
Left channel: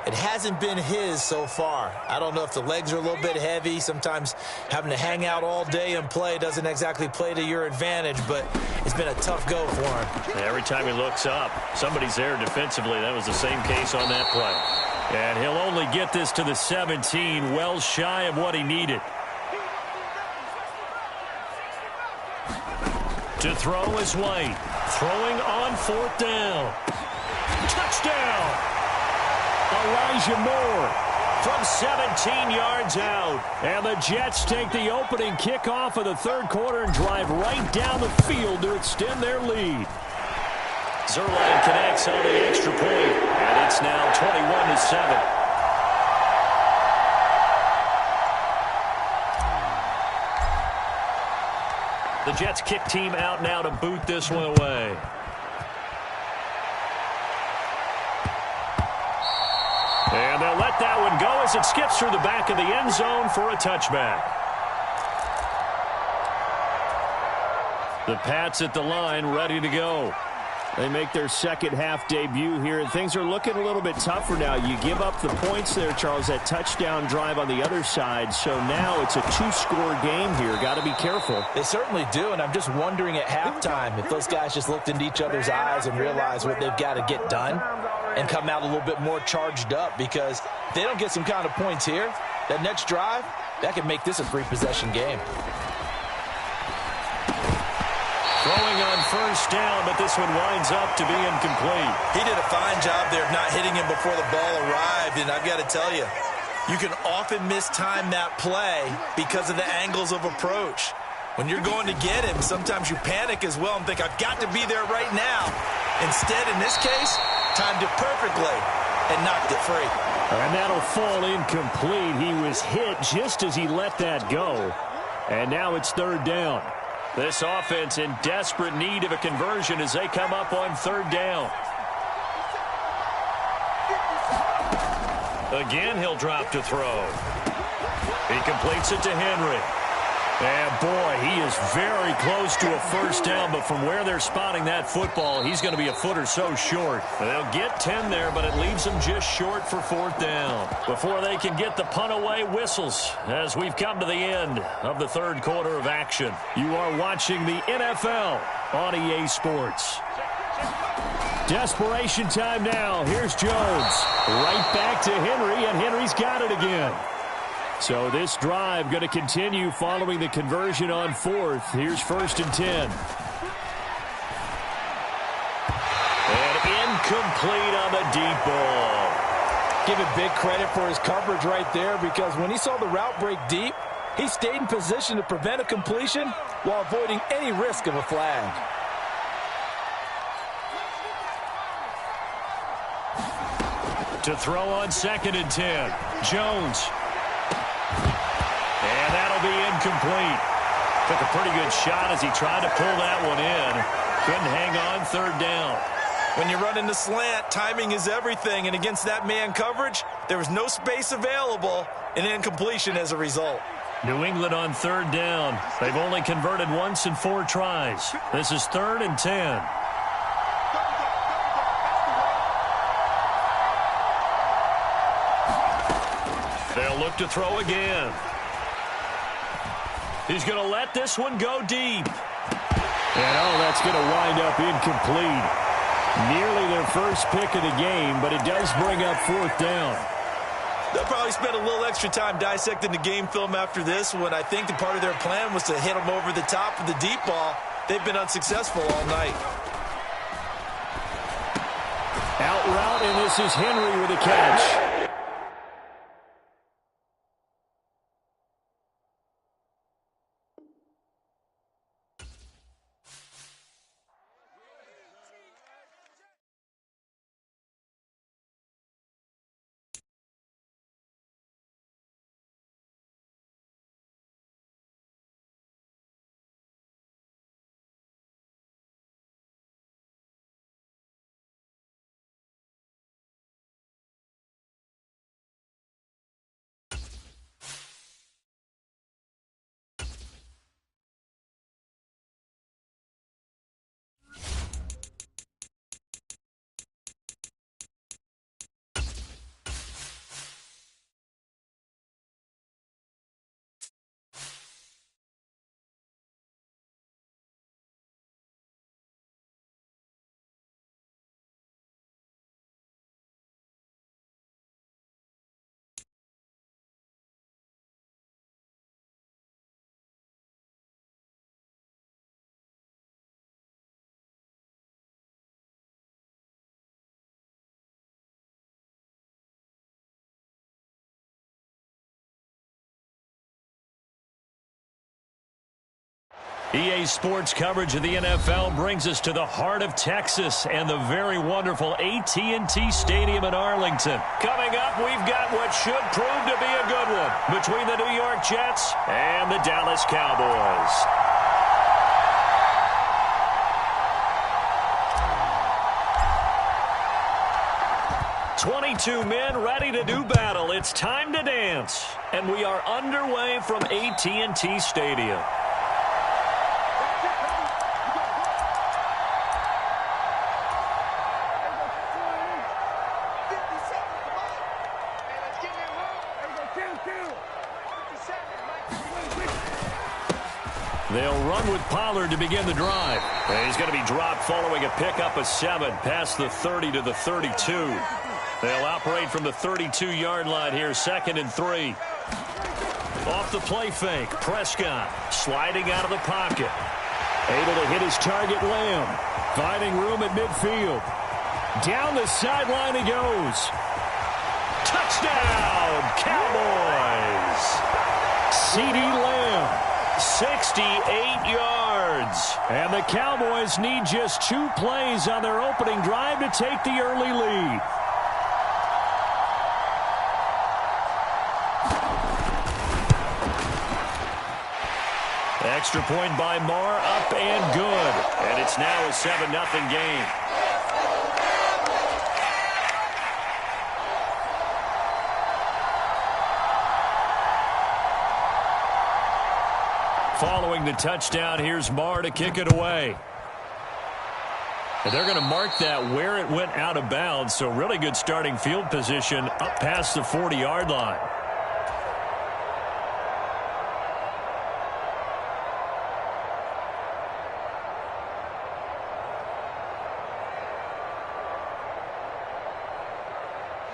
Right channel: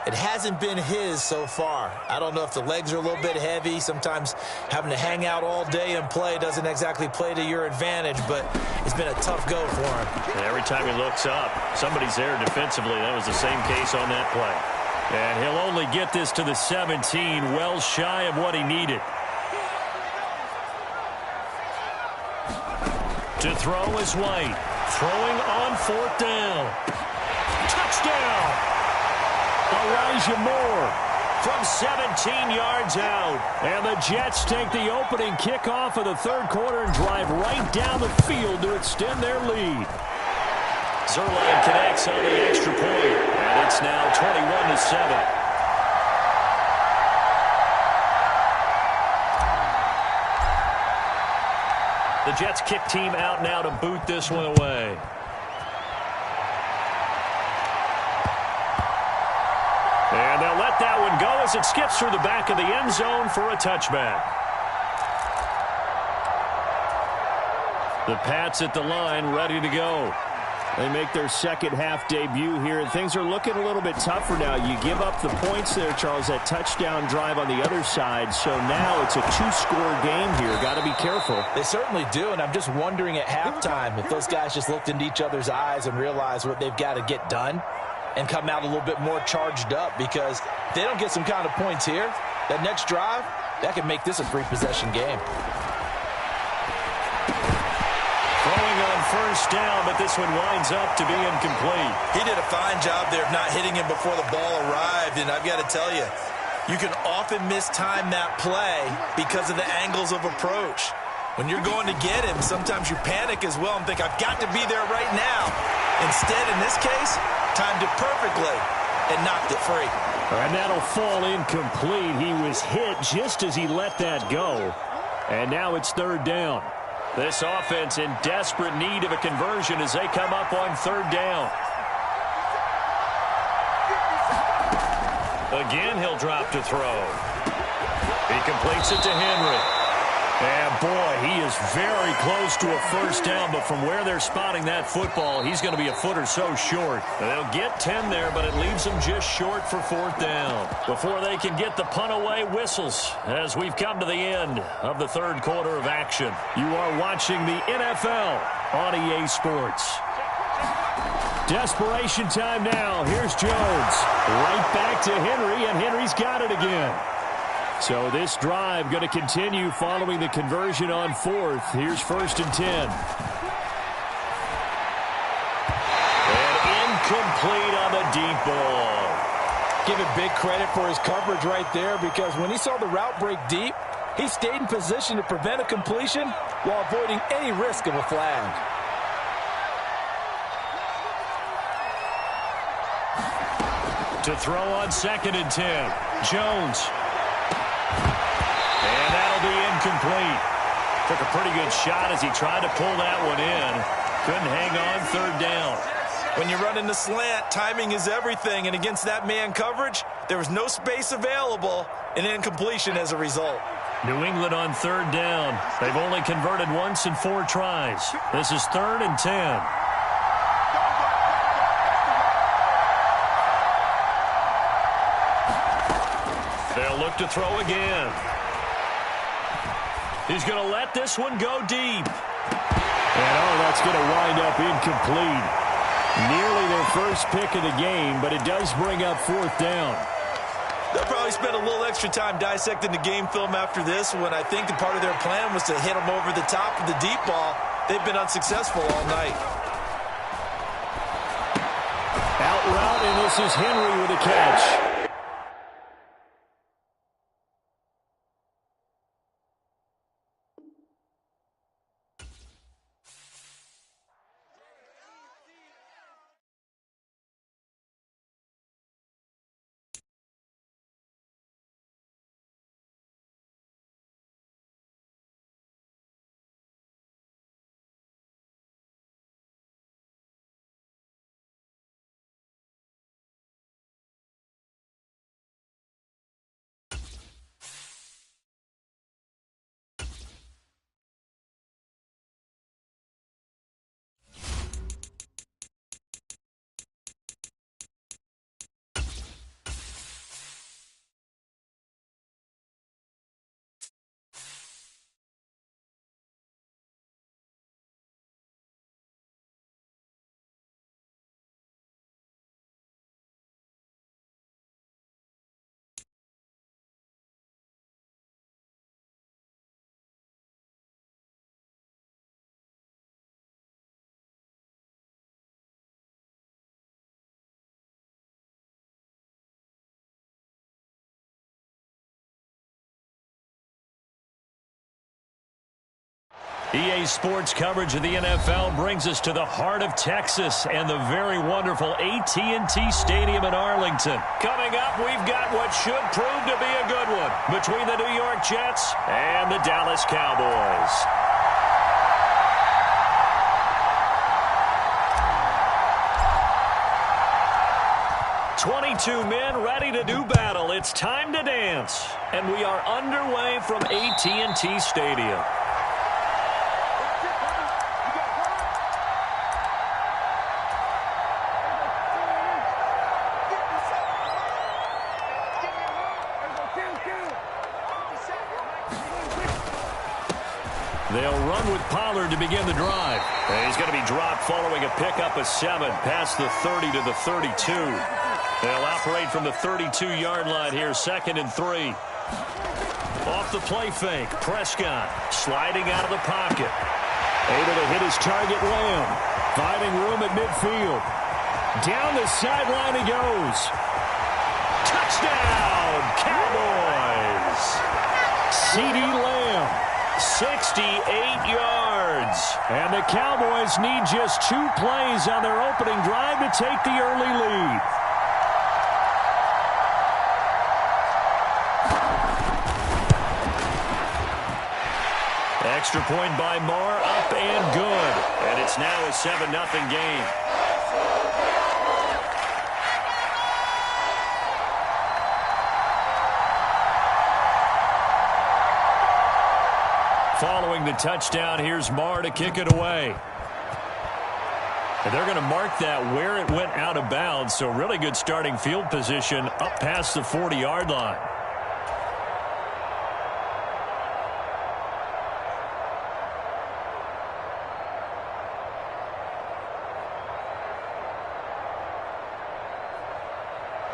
It hasn't been his so far. I don't know if the legs are a little bit heavy. Sometimes having to hang out all day and play doesn't exactly play to your advantage, but it's been a tough go for him. And every time he looks up, somebody's there defensively. That was the same case on that play. And he'll only get this to the 17, well shy of what he needed. To throw is White. Throwing on 4th down. Touchdown! Elijah Moore from 17 yards out. And the Jets take the opening kickoff of the 3rd quarter and drive right down the field to extend their lead. Zuerlein connects on the extra point, and it's now 21-7. The Jets kick team out now to boot this one away. And they'll let that one go as it skips through the back of the end zone for a touchback. The Pats at the line ready to go. They make their second half debut here, and things are looking a little bit tougher now. You give up the points there, Charles, that touchdown drive on the other side. So now it's a two-score game here. Got to be careful. They certainly do, and I'm just wondering at halftime if those guys just looked into each other's eyes and realized what they've got to get done and come out a little bit more charged up, because if they don't get some kind of points here, that next drive, that could make this a three-possession game. Throwing on first down, but this one winds up to be incomplete. He did a fine job there of not hitting him before the ball arrived, and I've got to tell you, you can often mistime that play because of the angles of approach. When you're going to get him, sometimes you panic as well and think, I've got to be there right now. Instead, in this case, timed it perfectly and knocked it free. And that'll fall incomplete. He was hit just as he let that go. And now it's third down. This offense in desperate need of a conversion as they come up on third down. Again, he'll drop to throw. He completes it to Henry. And, boy, he is very close to a first down, but from where they're spotting that football, he's going to be a foot or so short. They'll get 10 there, but it leaves them just short for fourth down. Before they can get the punt away, whistles as we've come to the end of the third quarter of action. You are watching the NFL on EA Sports. Desperation time now. Here's Jones. Right back to Henry, and Henry's got it again. So this drive going to continue following the conversion on fourth. Here's first and 10. And incomplete on the deep ball. Give it big credit for his coverage right there, because when he saw the route break deep, he stayed in position to prevent a completion while avoiding any risk of a flag. To throw on second and 10. Jones. And that'll be incomplete. Took a pretty good shot as he tried to pull that one in. Couldn't hang on third down. When you run in the slant, timing is everything, and against that man coverage, there was no space available, and incompletion as a result. New England on third down. They've only converted once in 4 tries. This is third and 10. They'll look to throw again. He's going to let this one go deep. And, that's going to wind up incomplete. Nearly their first pick of the game, but it does bring up fourth down. They'll probably spend a little extra time dissecting the game film after this one. I think the part of their plan was to hit them over the top of the deep ball. They've been unsuccessful all night. Out route, and this is Henry with a catch. EA Sports coverage of the NFL brings us to the heart of Texas and the very wonderful AT&T Stadium in Arlington. Coming up, we've got what should prove to be a good one between the New York Jets and the Dallas Cowboys. "22 men ready to do battle. It's time to dance." And we are underway from AT&T Stadium. They'll run with Pollard to begin the drive. And he's going to be dropped following a pickup of 7 past the 30 to the 32. They'll operate from the 32-yard line here, 2nd and 3. Off the play fake, Prescott sliding out of the pocket. Able to hit his target, Lamb. Finding room at midfield. Down the sideline he goes. Touchdown, Cowboys! CeeDee Lamb, 68 yards. And the Cowboys need just 2 plays on their opening drive to take the early lead. Extra point by Marr, up and good. And it's now a 7-0 game. Following the touchdown, here's Marr to kick it away. And they're going to mark that where it went out of bounds, so really good starting field position up past the 40-yard line.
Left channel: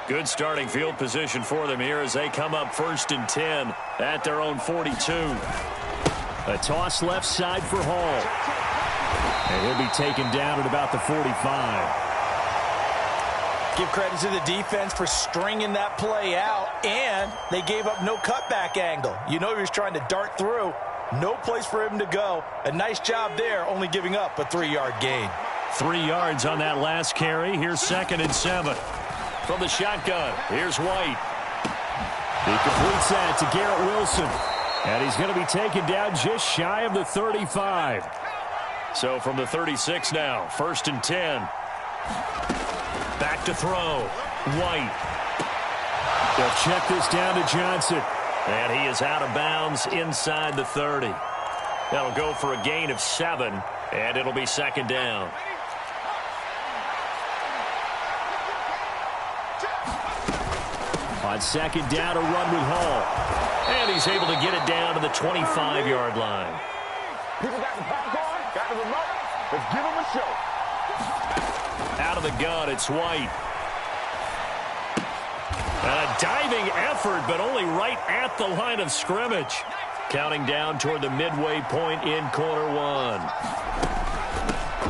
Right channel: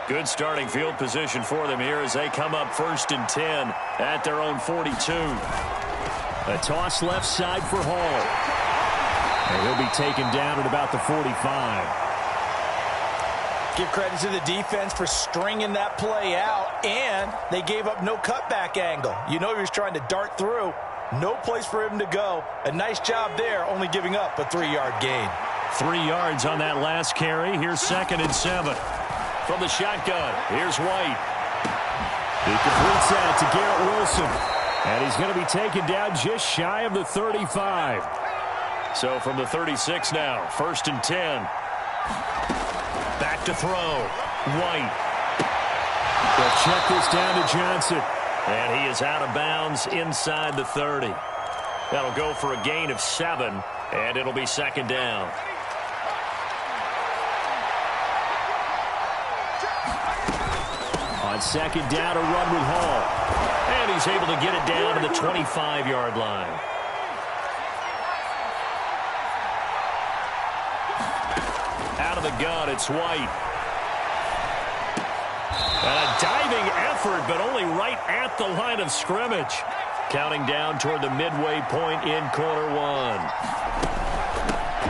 Good starting field position for them here as they come up 1st and 10 at their own 42. A toss left side for Hall. And he'll be taken down at about the 45. Give credit to the defense for stringing that play out, and they gave up no cutback angle. You know he was trying to dart through. No place for him to go. A nice job there, only giving up a 3-yard gain. 3 yards on that last carry. Here's 2nd and 7. From the shotgun, here's White. He completes that to Garrett Wilson. And he's going to be taken down just shy of the 35. So from the 36 now, 1st and 10. Back to throw. White. They'll check this down to Johnson. And he is out of bounds inside the 30. That'll go for a gain of 7, and it'll be 2nd down. On 2nd down, a run with Hall. And he's able to get it down to the 25-yard line. Out of the gun, it's White. And a diving effort, but only right at the line of scrimmage. Counting down toward the midway point in quarter 1.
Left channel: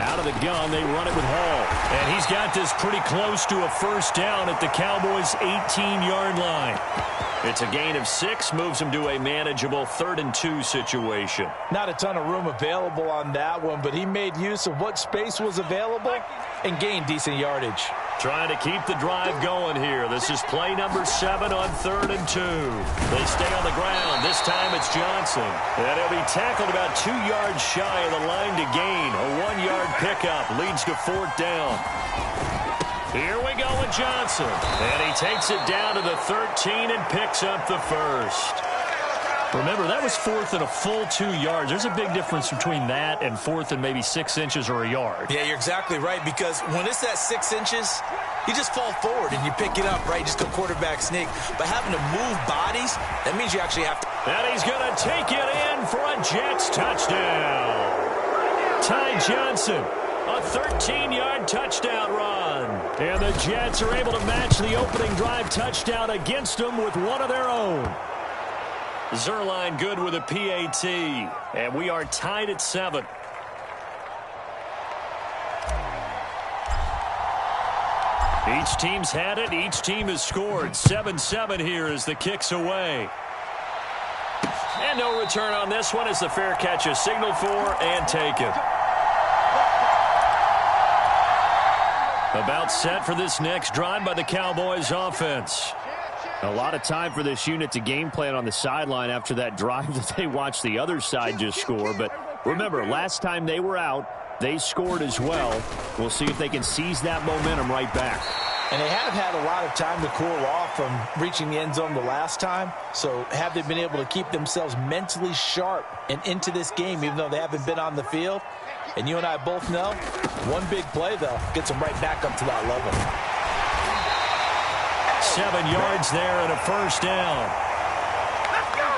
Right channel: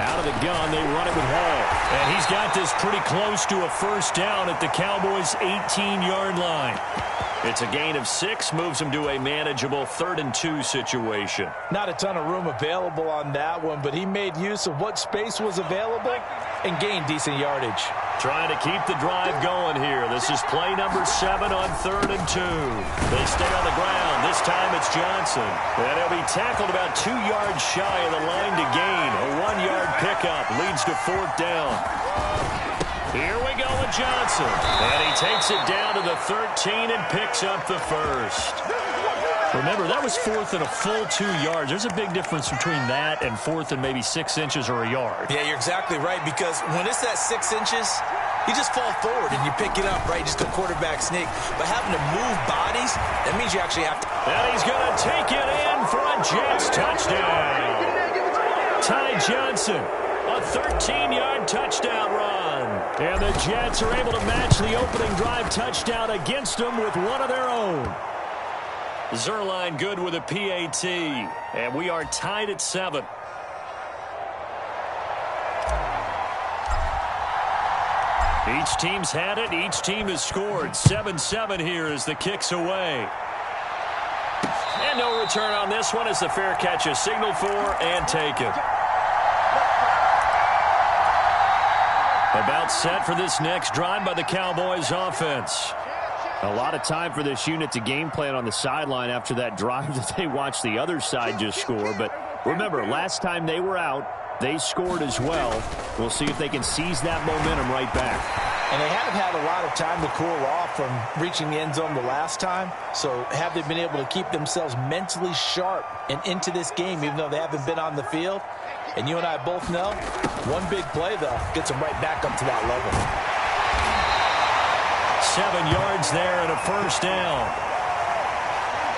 Out of the gun, they run it with Hall. And he's got this pretty close to a 1st down at the Cowboys' 18-yard line. It's a gain of 6, moves him to a manageable 3rd and 2 situation. Not a ton of room available on that one, but he made use of what space was available and gained decent yardage. Trying to keep the drive going here. This is play number 7 on 3rd and 2. They stay on the ground. This time it's Johnson. And he'll be tackled about 2 yards shy of the line to gain. A 1-yard pickup leads to 4th down. Here we go with Johnson. And he takes it down to the 13 and picks up the 1st. Remember, that was 4th and a full 2 yards. There's a big difference between that and 4th and maybe 6 inches or a yard. Yeah, you're exactly right, because when it's that 6 inches, you just fall forward and you pick it up, right? Just a quarterback sneak. But having to move bodies, that means you actually have to. And he's going to take it in for a Jets touchdown. Ty Johnson, a 13-yard touchdown run. And the Jets are able to match the opening drive touchdown against them with one of their own. Zerline good with a PAT, and we are tied at 7. Each team's had it. Each team has scored. 7-7 here as the kick's away. And no return on this one as the fair catch is signaled for and taken. About set for this next drive by the Cowboys offense. A lot of time for this unit to game plan on the sideline after that drive that they watched the other side just score. But remember, last time they were out, they scored as well. We'll see if they can seize that momentum right back. And they have had a lot of time to cool off from reaching the end zone the last time. So have they been able to keep themselves mentally sharp and into this game, even though they haven't been on the field? And you and I both know, one big play, though, gets them right back up to that level. 7 yards there and a 1st down.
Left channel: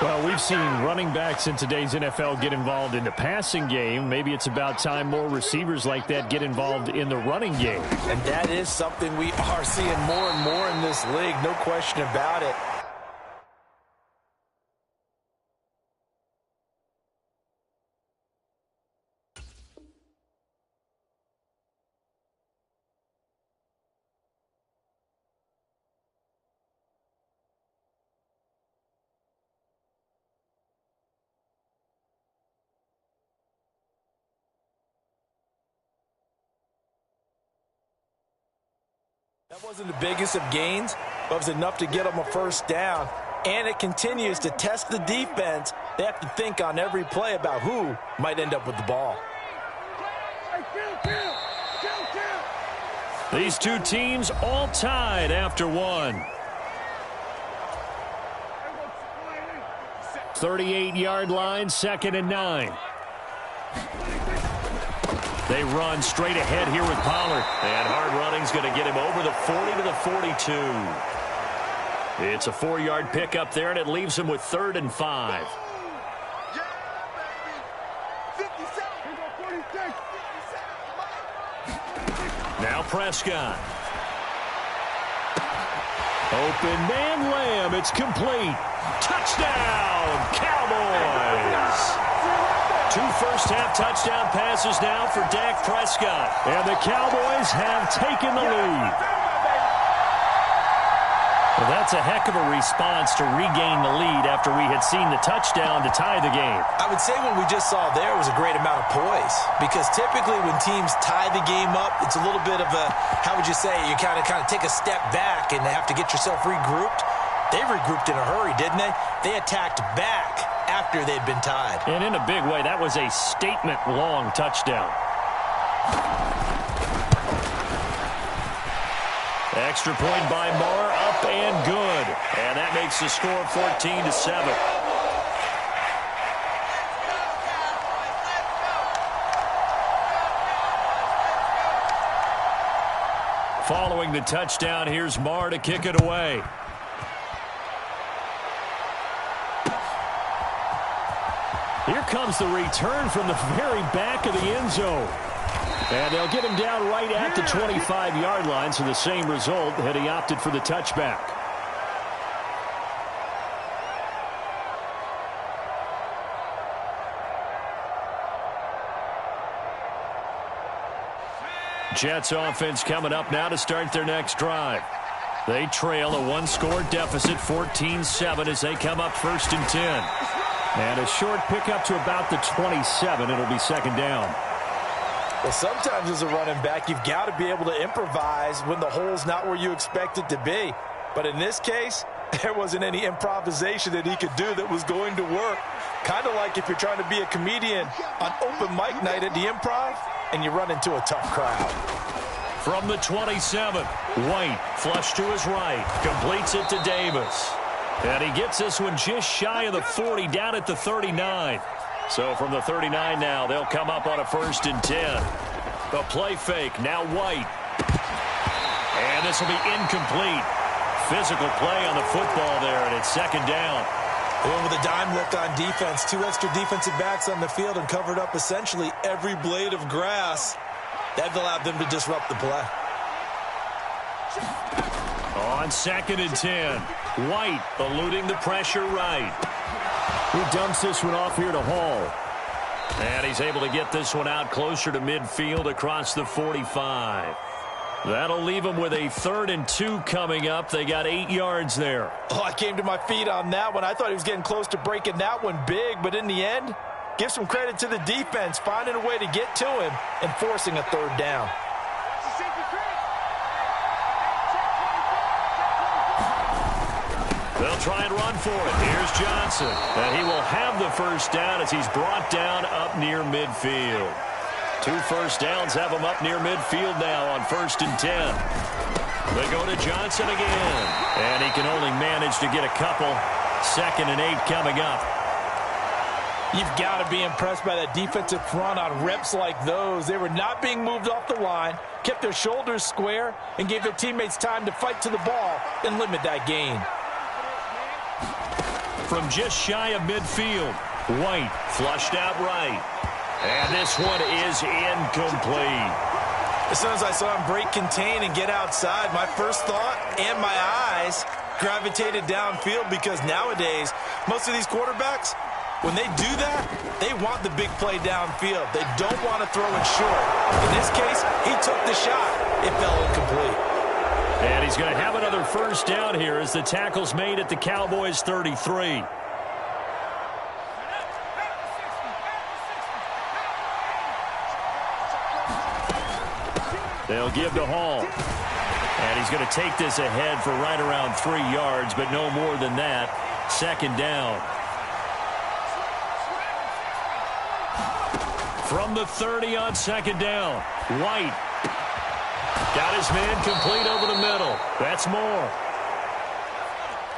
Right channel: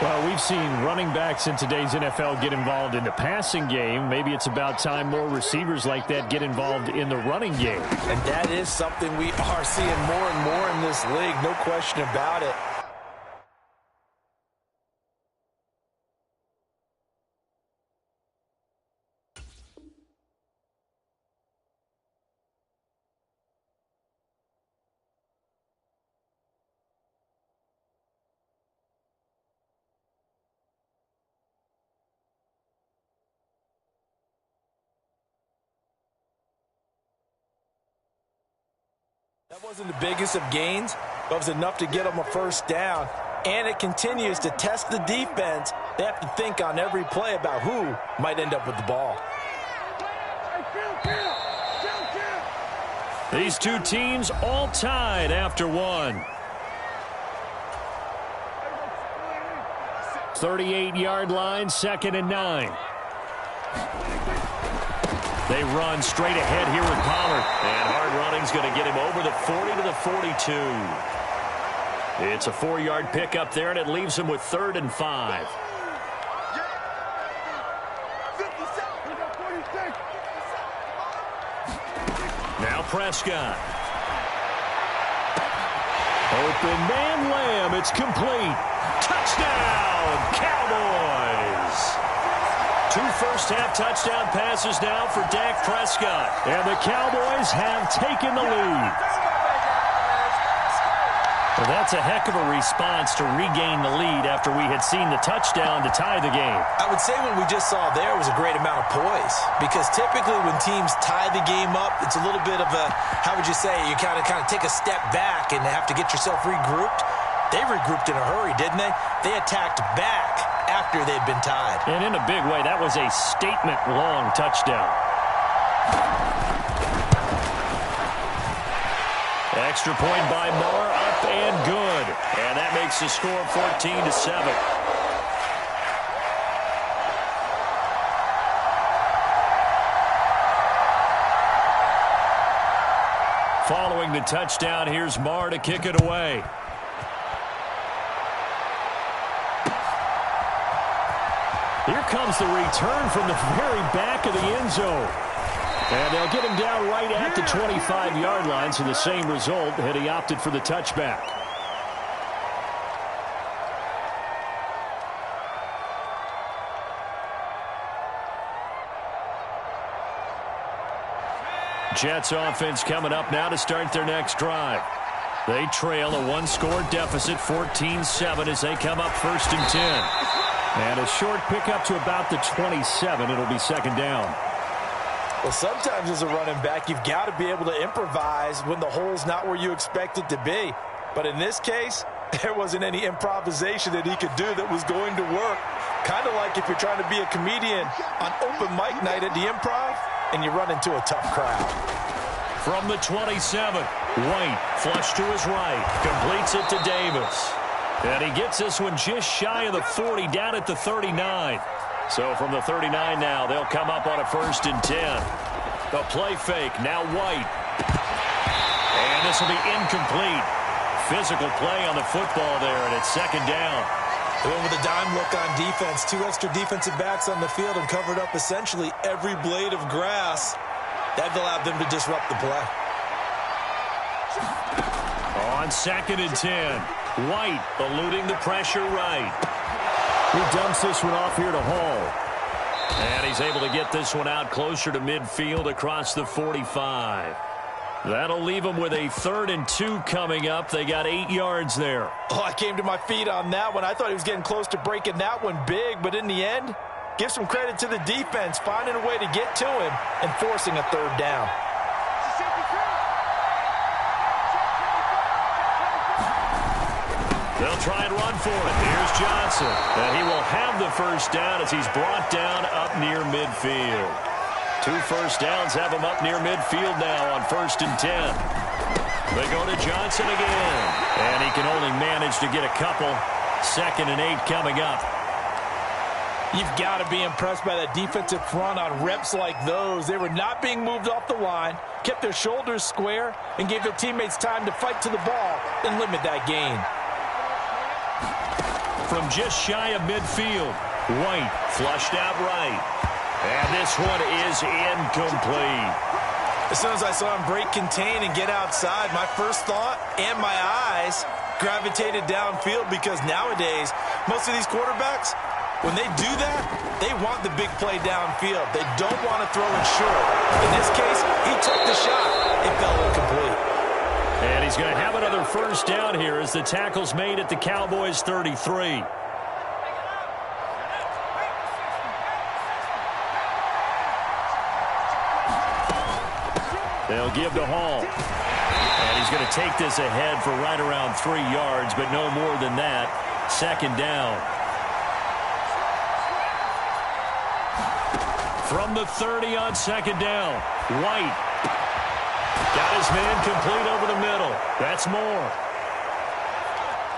Well, we've seen running backs in today's NFL get involved in the passing game. Maybe it's about time more receivers like that get involved in the running game. And that is something we are seeing more and more in this league, no question about it. That wasn't the biggest of gains, but it was enough to get them a first down. And it continues to test the defense. They have to think on every play about who might end up with the ball. These two teams all tied after one. 38-yard line, 2nd and 9. They run straight ahead here with Pollard. And hard running's going to get him over the 40 to the 42. It's a 4-yard pickup there, and it leaves him with 3rd and 5. Now Prescott. Open man Lamb. It's complete. Touchdown, Cowboys. 2 first-half touchdown passes now for Dak Prescott. And the Cowboys have taken the lead. Well, that's a heck of a response to regain the lead after we had seen the touchdown to tie the game. I would say what we just saw there was a great amount of poise, because typically when teams tie the game up, it's a little bit of a, how would you say, you kind of take a step back and have to get yourself regrouped. They regrouped in a hurry, didn't they? They attacked back after they'd been tied. And in a big way, that was a statement-long touchdown. Extra point by Marr, up and good. And that makes the score 14 to 7. Following the touchdown, here's Marr to kick it away. Here comes the return from the very back of the end zone. And they'll get him down right at the 25-yard line, so the same result had he opted for the touchback. Jets offense coming up now to start their next drive. They trail a 1-score deficit, 14-7, as they come up 1st and 10. And a short pickup to about the 27. It'll be 2nd down. Well, sometimes as a running back, you've got to be able to improvise when the hole's not where you expect it to be. But in this case, there wasn't any improvisation that he could do that was going to work. Kind of like if you're trying to be a comedian on open mic night at the Improv and you run into a tough crowd. From the 27, White flush to his right, completes it to Davis. And he gets this one just shy of the 40, down at the 39. So from the 39 now, they'll come up on a 1st and 10. The play fake, now White. And this will be incomplete. Physical play on the football there, and it's 2nd down. They went with a dime look on defense. 2 extra defensive backs on the field and covered up essentially every blade of grass. That allowed them to disrupt the play. On 2nd and 10, White eluding the pressure right. He dumps this one off here to Hall. And he's able to get this one out closer to midfield across the 45. That'll leave him with a 3rd and 2 coming up. They got 8 yards there. Oh, I came to my feet on that one. I thought he was getting close to breaking that one big, but in the end, give some credit to the defense, finding a way to get to him and forcing a 3rd down. They'll try and run for it. Here's Johnson. And he will have the 1st down as he's brought down up near midfield. 2 first downs have him up near midfield now on 1st and 10. They go to Johnson again. And he can only manage to get a couple. 2nd and 8 coming up. You've got to be impressed by that defensive front on reps like those. They were not being moved off the line, kept their shoulders square, and gave their teammates time to fight to the ball and limit that gain. from just shy of midfield. White flushed out right. And this one is incomplete. As soon as I saw him break contain and get outside, my first thought and my eyes gravitated downfield, because nowadays, most of these quarterbacks, when they do that, they want the big play downfield. They don't want to throw it short. In this case, he took the shot. It fell incomplete. And he's going to have another first down here as the tackle's made at the Cowboys' 33. They'll give to Hall. And he's going to take this ahead for right around 3 yards, but no more than that. Second down. From the 30 on second down. White. Got his man complete over the middle. That's more.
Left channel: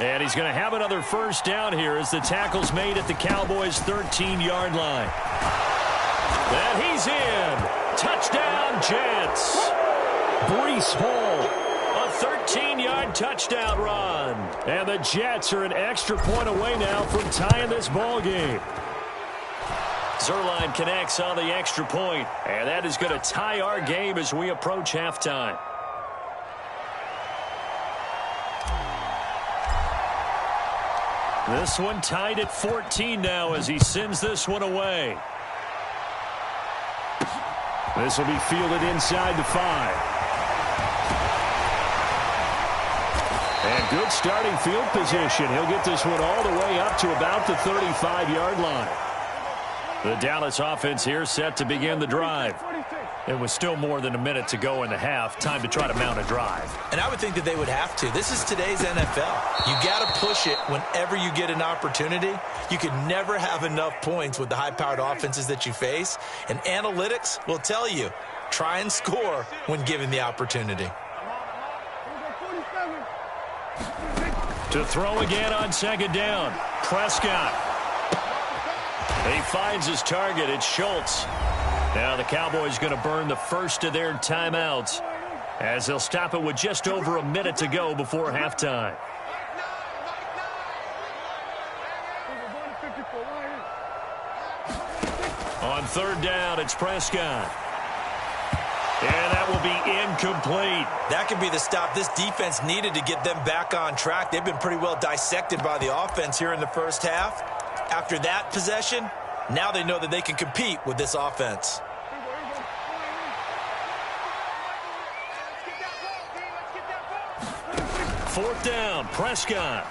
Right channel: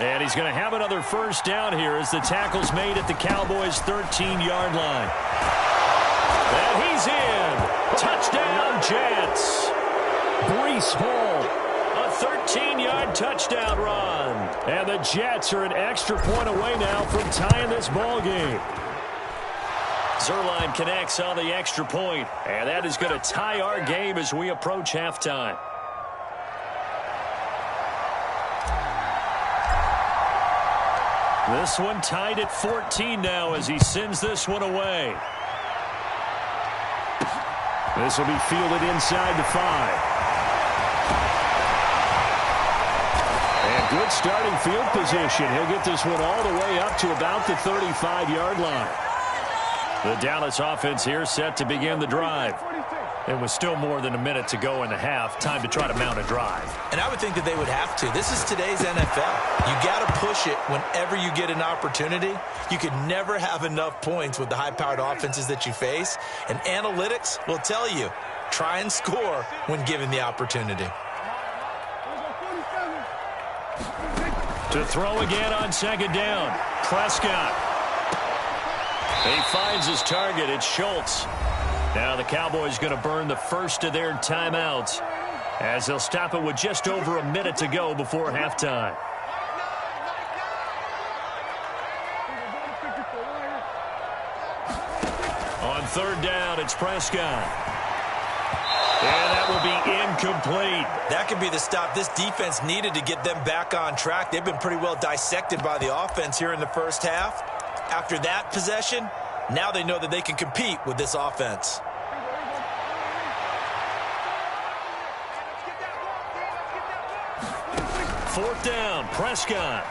And he's going to have another first down here as the tackle's made at the Cowboys' 13-yard line. And he's in. Touchdown, Jets. Breece Hall, a 13-yard touchdown run. And the Jets are an extra point away now from tying this ball game. Zuerlein connects on the extra point, and that is going to tie our game as we approach halftime. This one tied at 14 now as he sends this one away. This will be fielded inside the 5. And good starting field position. He'll get this one all the way up to about the 35-yard line. The Dallas offense here set to begin the drive. It was still more than a minute to go in the half. Time to try to mount a drive. And I would think that they would have to. This is today's NFL. You got to push it whenever you get an opportunity. You could never have enough points with the high-powered offenses that you face. And analytics will tell you, try and score when given the opportunity. To throw again on second down. Prescott. He finds his target. It's Schultz. Now the Cowboys going to burn the first of their timeouts as they'll stop it with just over a minute to go before halftime. On third down, it's Prescott. And that will be incomplete. That could be the stop this defense needed to get them back on track. They've been pretty well dissected by the offense here in the first half. After that possession, now they know that they can compete with this offense. Fourth down, Prescott.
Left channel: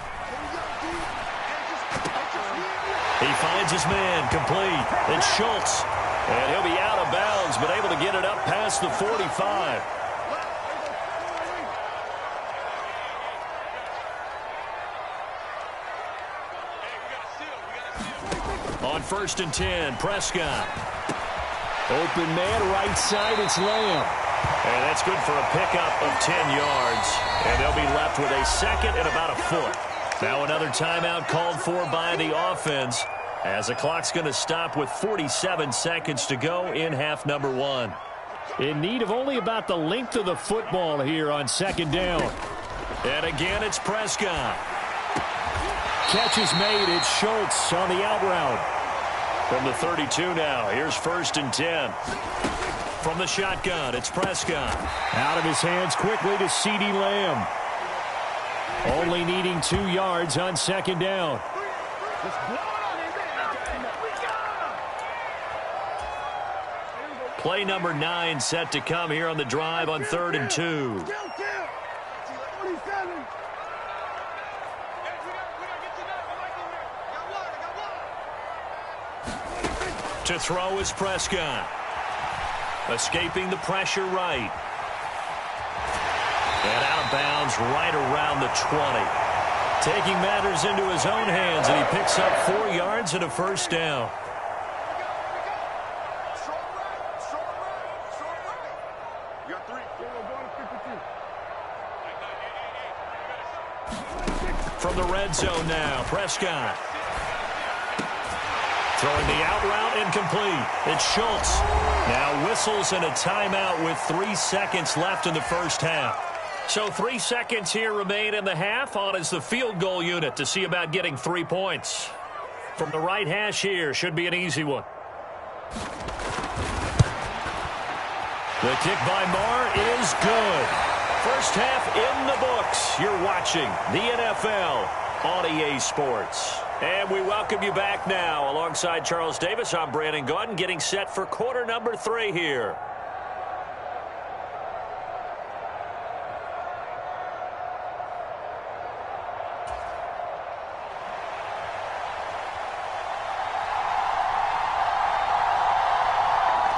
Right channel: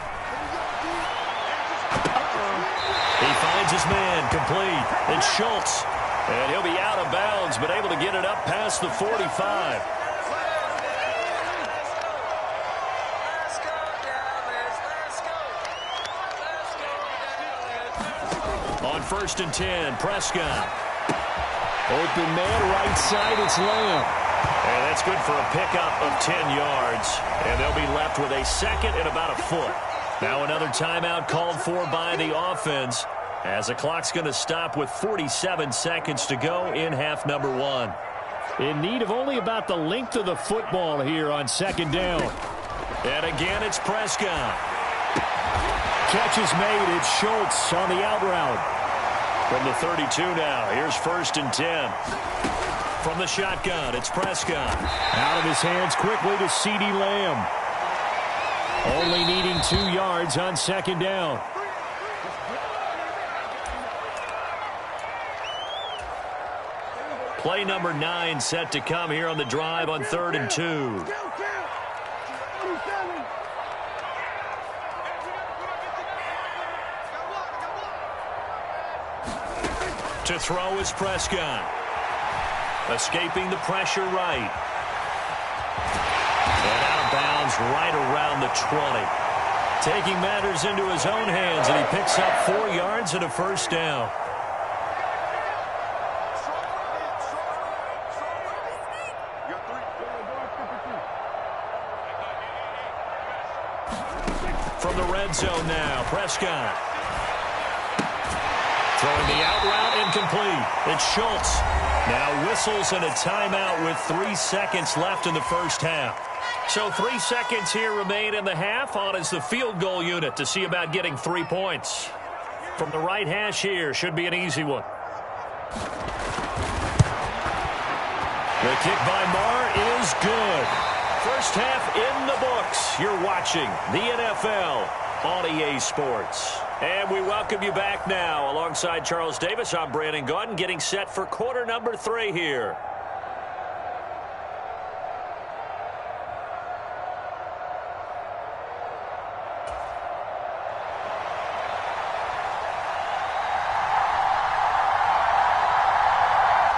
He finds his man complete. It's Schultz. And he'll be out of bounds, but able to get it up past the 45. On first and 10, Prescott. Open man, right side, it's Lamb. And that's good for a pickup of 10 yards. And they'll be left with a second and about a foot. Now another timeout called for by the offense, as the clock's going to stop with 47 seconds to go in half number 1. In need of only about the length of the football here on second down. And again, it's Prescott. Catch is made. It's Schultz on the out route. From the 32 now, here's first and 10. From the shotgun, it's Prescott. Out of his hands quickly to CeeDee Lamb. Only needing 2 yards on second down. Play number 9 set to come here on the drive on 3rd and 2. To throw is Prescott. Escaping the pressure right. And out of bounds right around the 20. Taking matters into his own hands, and he picks up 4 yards and a first down. From the red zone now, Prescott. Throwing the out route, incomplete. It's Schultz. Now whistles and a timeout with 3 seconds left in the first half. So 3 seconds here remain in the half. On is the field goal unit to see about getting 3 points. From the right hash here, should be an easy one. The kick by Marr is good. First half in the books. You're watching the NFL on EA Sports. And we welcome you back now. Alongside Charles Davis, I'm Brandon Gaudin, getting set for quarter number 3 here.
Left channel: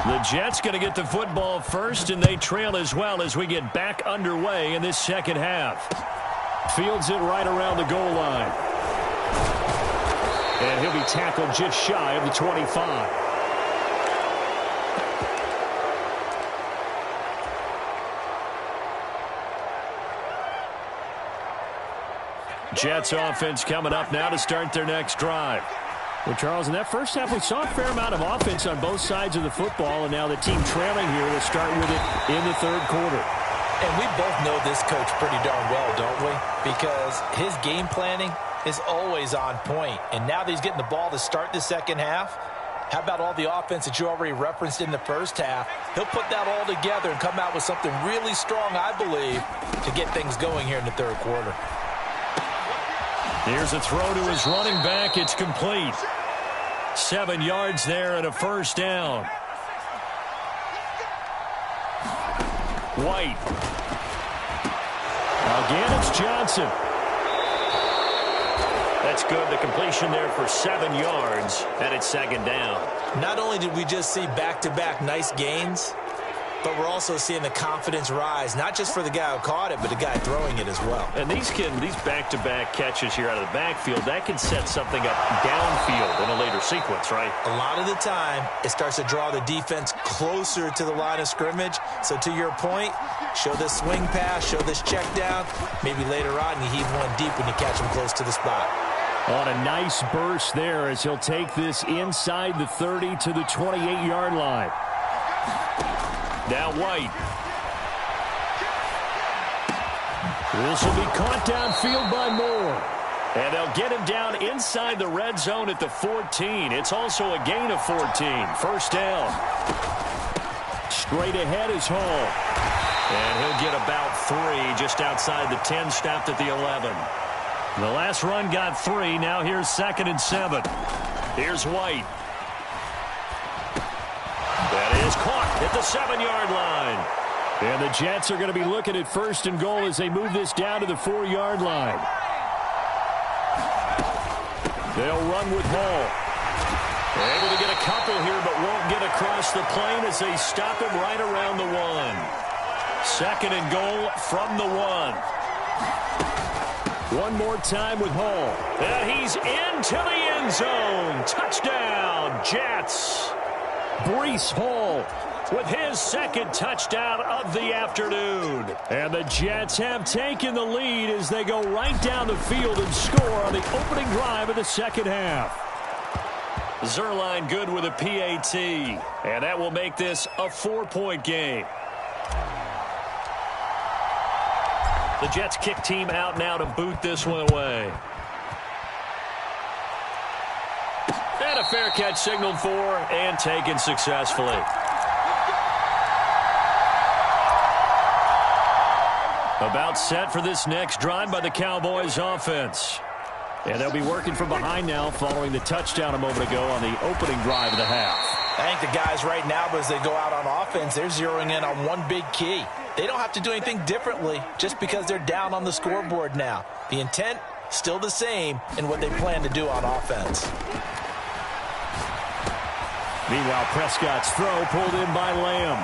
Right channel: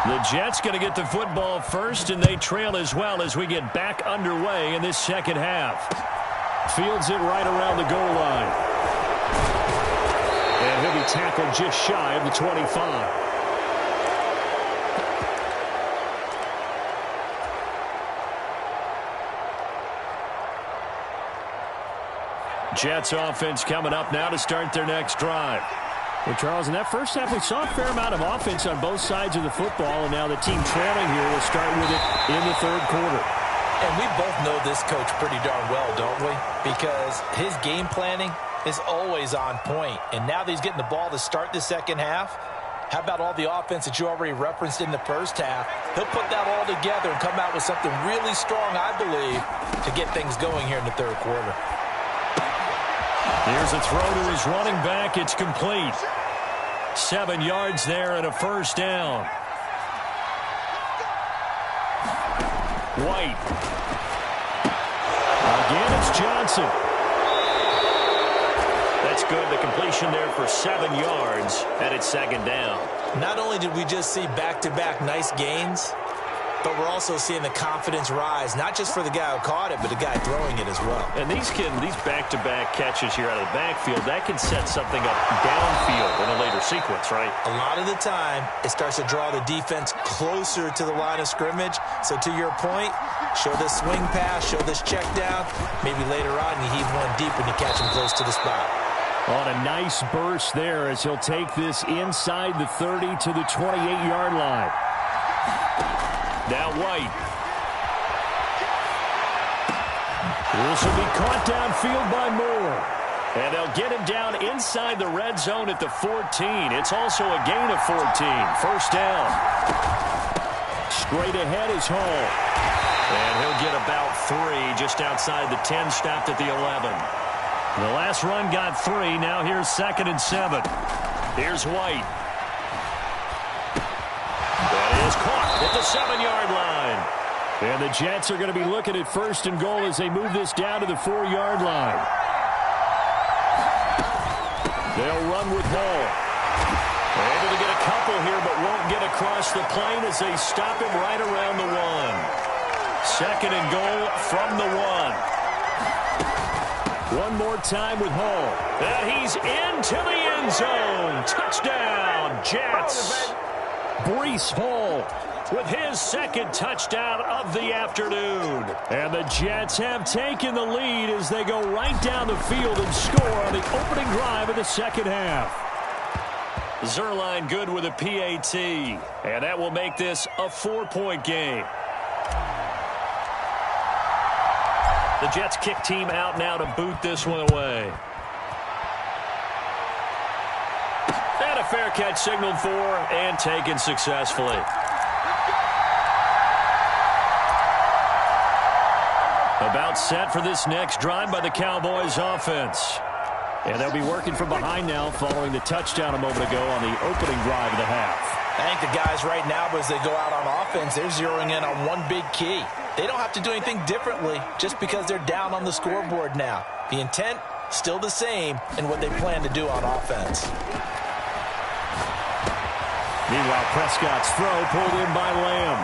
The Jets going to get the football first, and they trail as well as we get back underway in this second half. Fields it right around the goal line. And he'll be tackled just shy of the 25. Jets offense coming up now to start their next drive. Well, Charles, in that first half, we saw a fair amount of offense on both sides of the football, and now the team trailing here will start with it in the third quarter. And we both know this coach pretty darn well, don't we? Because his game planning is always on point. And now that he's getting the ball to start the second half, how about all the offense that you already referenced in the first half? He'll put that all together and come out with something really strong, I believe, to get things going here in the third quarter. Here's a throw to his running back. It's complete. 7 yards there and a first down. White. Again, it's Johnson. That's good. The completion there for 7 yards, and it's second down. Not only did we just see back-to-back nice gains, but we're also seeing the confidence rise, not just for the guy who caught it, but the guy throwing it as well. And these back-to-back catches here out of the backfield, that can set something up downfield in a later sequence, right? A lot of the time, it starts to draw the defense closer to the line of scrimmage. So to your point, show this swing pass, show this check down. Maybe later on you heave one deep when you catch him close to the spot. On a nice burst there as he'll take this inside the 30 to the 28-yard line. Now White. This will be caught downfield by Moore. And they'll get him down inside the red zone at the 14. It's also a gain of 14. First down. Straight ahead is Hall. And he'll get about 3 just outside the 10, stopped at the 11. The last run got 3. Now here's 2nd and 7. Here's White. That is caught at the 7-yard line. And the Jets are going to be looking at 1st and goal as they move this down to the 4-yard line. They'll run with Hall. Able to get a couple here, but won't get across the plane as they stop him right around the 1. 2nd and goal from the 1. One more time with Hall. And he's into the end zone. Touchdown, Jets. Breece Hall with his 2nd touchdown of the afternoon. And the Jets have taken the lead as they go right down the field and score on the opening drive of the second half. Zerline good with a PAT. And that will make this a 4-point game. The Jets kick team out now to boot this one away. And a fair catch signaled for and taken successfully. About set for this next drive by the Cowboys offense. And they'll be working from behind now following the touchdown a moment ago on the opening drive of the half. I think the guys right now, as they go out on offense, they're zeroing in on one big key. They don't have to do anything differently just because they're down on the scoreboard now. The intent, still the same in what they plan to do on offense. Meanwhile, Prescott's throw pulled in by Lamb.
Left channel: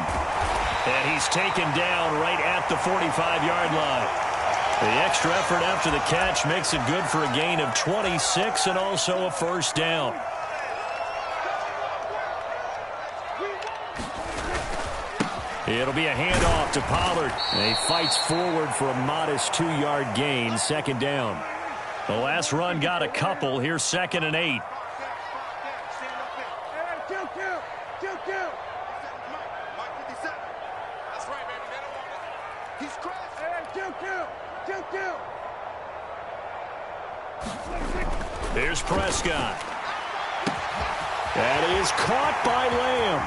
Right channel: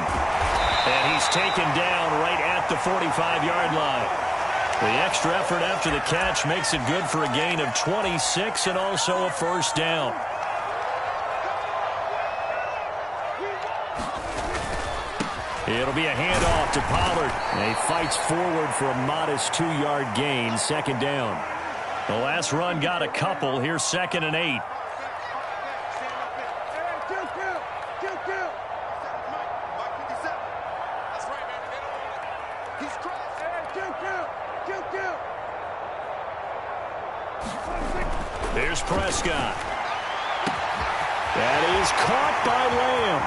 And he's taken down right at the 45-yard line. The extra effort after the catch makes it good for a gain of 26 and also a first down. It'll be a handoff to Pollard. And he fights forward for a modest 2-yard gain, 2nd down. The last run got a couple. Here's 2nd and 8. Here's Prescott. That is caught by Lamb.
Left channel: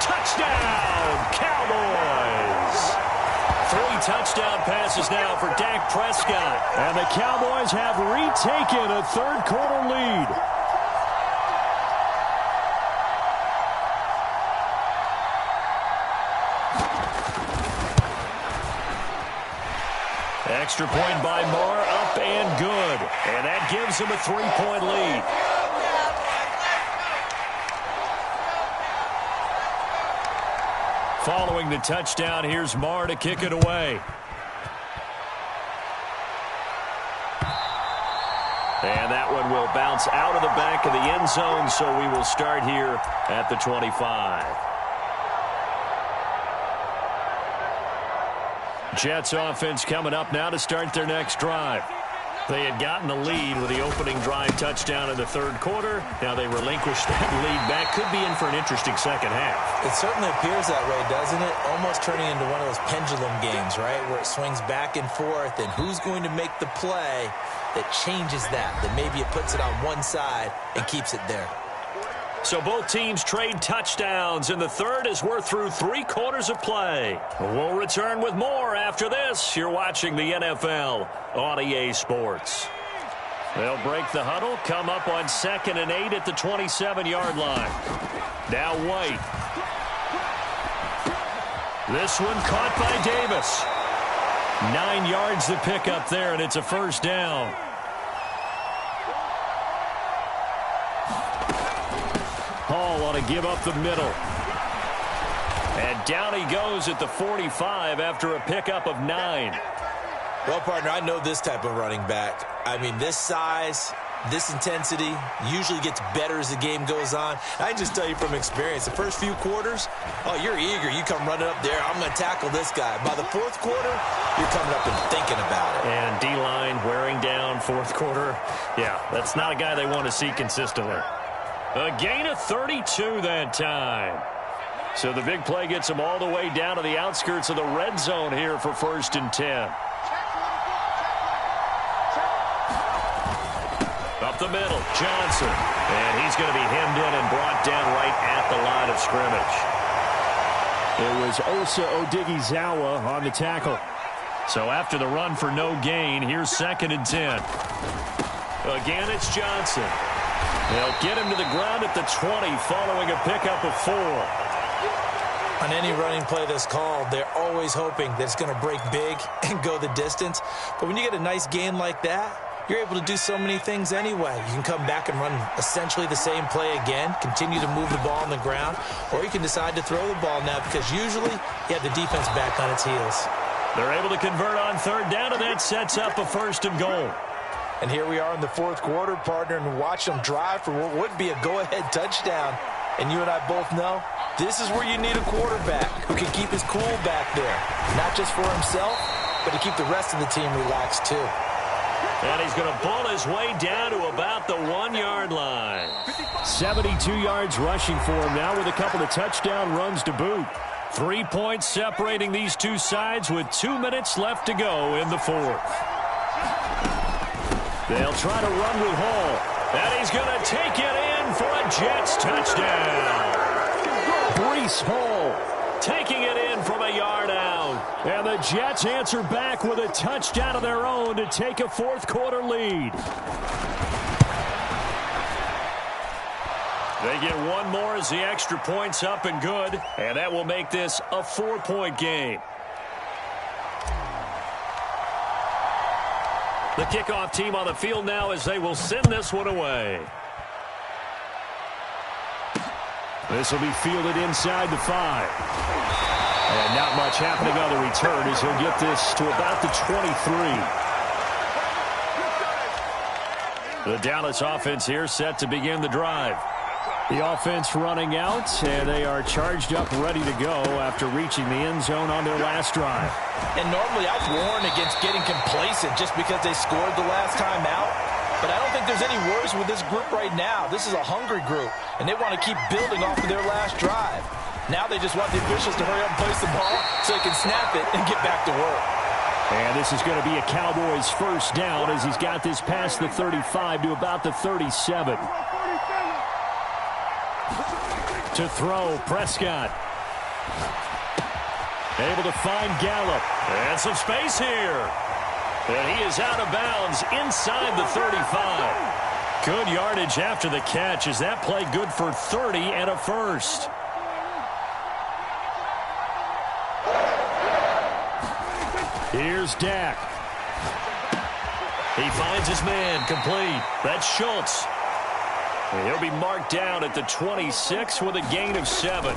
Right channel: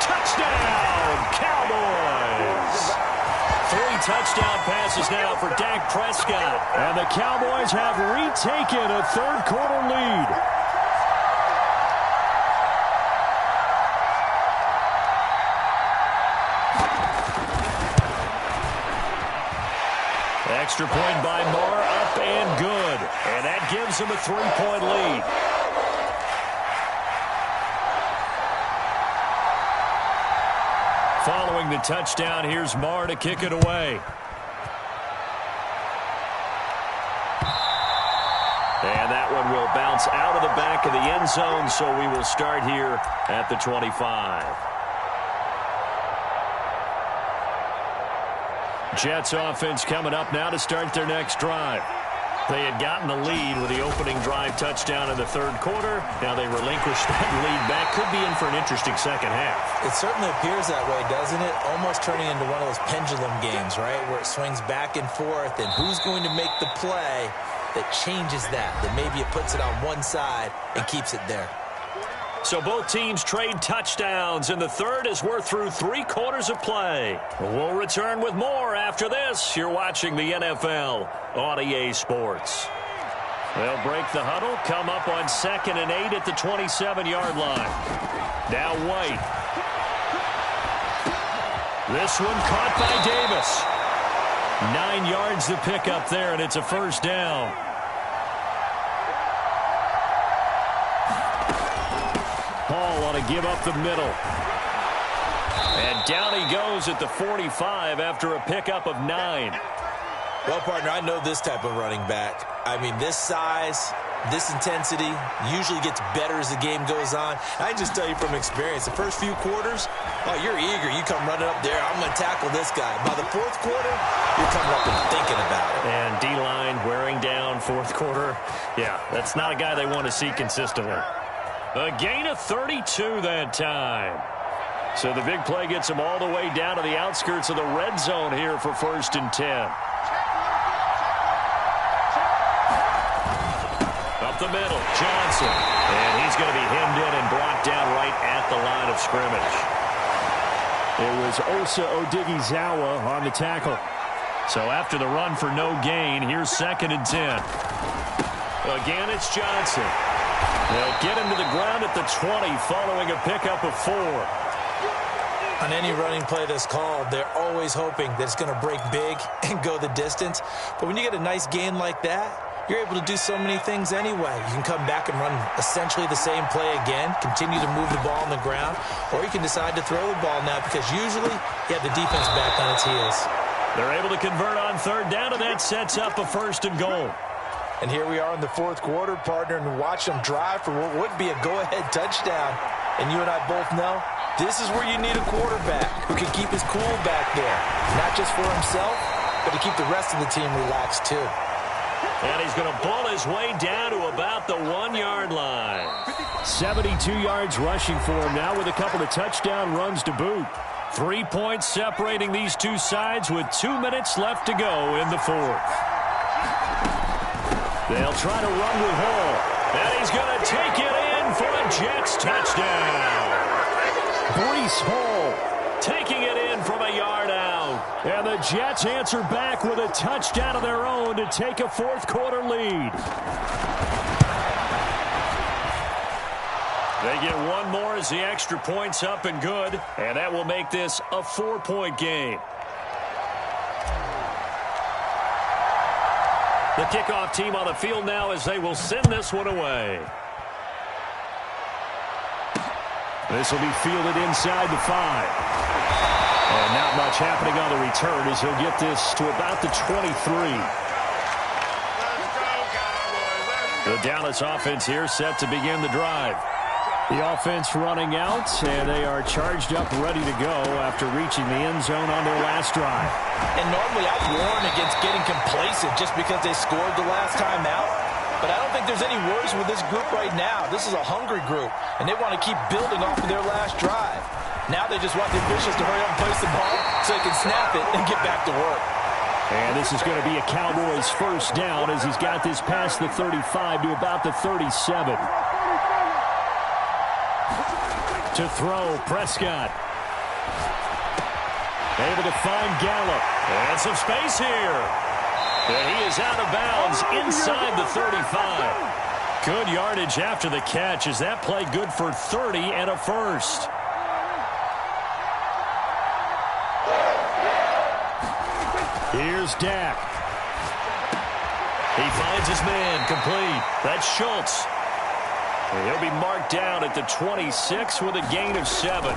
Touchdown, Cowboys. 3 touchdown passes now for Dak Prescott. And the Cowboys have retaken a third-quarter lead. Extra point by Moore, up and good. And that gives them a 3-point lead. Following the touchdown, here's Moore to kick it away. And that one will bounce out of the back of the end zone, so we will start here at the 25. Jets offense coming up now to start their next drive. They had gotten the lead with the opening drive touchdown in the third quarter. Now they relinquished that lead back. Could be in for an interesting second half. It certainly appears that way, doesn't it? Almost turning into one of those pendulum games, right, where it swings back and forth, and who's going to make the play that changes that maybe it puts it on one side and keeps it there. So both teams trade touchdowns in the third as we're through 3 quarters of play. We'll return with more after this. You're watching the NFL on EA Sports. They'll break the huddle, come up on 2nd and 8 at the 27-yard line. Now White. This one caught by Davis. 9 yards to pick up there, and it's a first down. Hall ought to give up the middle. And down he goes at the 45 after a pickup of 9. Well, partner, I know this type of running back. I mean, this size, this intensity usually gets better as the game goes on. I can just tell you from experience, the first few quarters, oh, you're eager. You come running up there, I'm going to tackle this guy. By the fourth quarter, you're coming up and thinking about it. And D-line wearing down fourth quarter. Yeah, that's not a guy they want to see consistently. A gain of 32 that time. So the big play gets them all the way down to the outskirts of the red zone here for 1st and 10. Up the middle, Johnson. And he's going to be hemmed in and brought down right at the line of scrimmage. It was Osa Odighizuwa on the tackle. So after the run for no gain, here's 2nd and 10. Again, it's Johnson. They'll get him to the ground at the 20 following a pickup of 4. On any running play that's called, they're always hoping that it's going to break big and go the distance. But when you get a nice gain like that, you're able to do so many things anyway. You can come back and run essentially the same play again, continue to move the ball on the ground, or you can decide to throw the ball now because usually you have the defense back on its heels. They're able to convert on 3rd down, and that sets up a 1st and goal. And here we are in the 4th quarter, partner, and watch them drive for what would be a go-ahead touchdown. And you and I both know this is where you need a quarterback who can keep his cool back there, not just for himself, but to keep the rest of the team relaxed too. And he's going to bull his way down to about the 1-yard line. 72 yards rushing for him now with a couple of touchdown runs to boot. 3 points separating these two sides with 2 minutes left to go in the 4th. They'll try to run with Hall. And he's going to take it in for a Jets touchdown. Breece Hall taking it in from a yard out. And the Jets answer back with a touchdown of their own to take a 4th quarter lead. They get one more as the extra point's up and good. And that will make this a 4-point game. The kickoff team on the field now as they will send this one away. This will be fielded inside the 5. And not much happening on the return as he'll get this to about the 23. The Dallas offense here set to begin the drive. The offense running out, and they are charged up, ready to go after reaching the end zone on their last drive. And normally I'd warn against getting complacent just because they scored the last time out. But I don't think there's any worries with this group right now. This is a hungry group, and they want to keep building off of their last drive. Now they just want the officials to hurry up and place the ball so they can snap it and get back to work. And this is going to be a Cowboys first down as he's got this past the 35 to about the 37. To throw, Prescott. Able to find Gallup. And some space here. And he is out of bounds inside the 35. Good yardage after the catch. Is that play good for 30 and a first? Here's Dak. He finds his man complete. That's Schultz. He'll be marked down at the 26 with a gain of 7.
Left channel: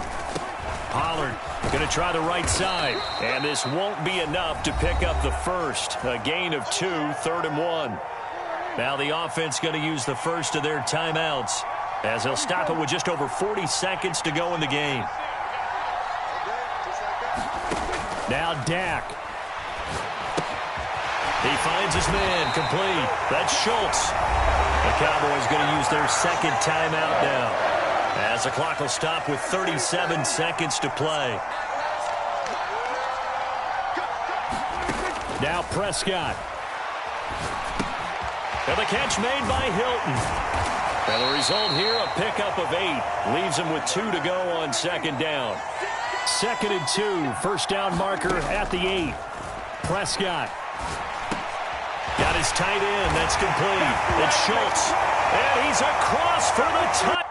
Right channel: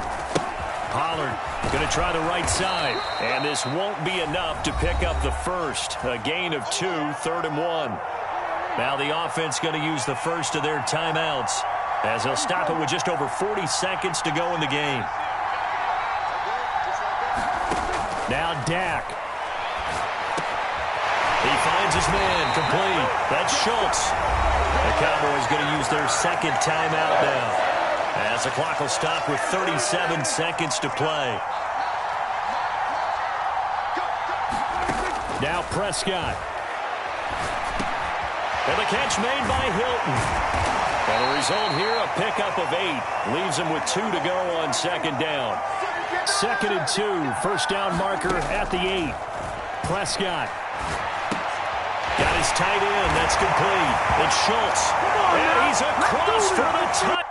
Pollard going to try the right side. And this won't be enough to pick up the first. A gain of 2, 3rd and 1. Now the offense going to use the first of their timeouts as they'll stop it with just over 40 seconds to go in the game. Now Dak. He finds his man complete. That's Schultz. The Cowboys going to use their second timeout now as the clock will stop with 37 seconds to play. Now Prescott. And the catch made by Hilton. And the result here, a pickup of 8. Leaves him with 2 to go on second down. 2nd and 2. First down marker at the 8. Prescott. Got his tight end. That's complete. It's Schultz. And he's across for the touchdown.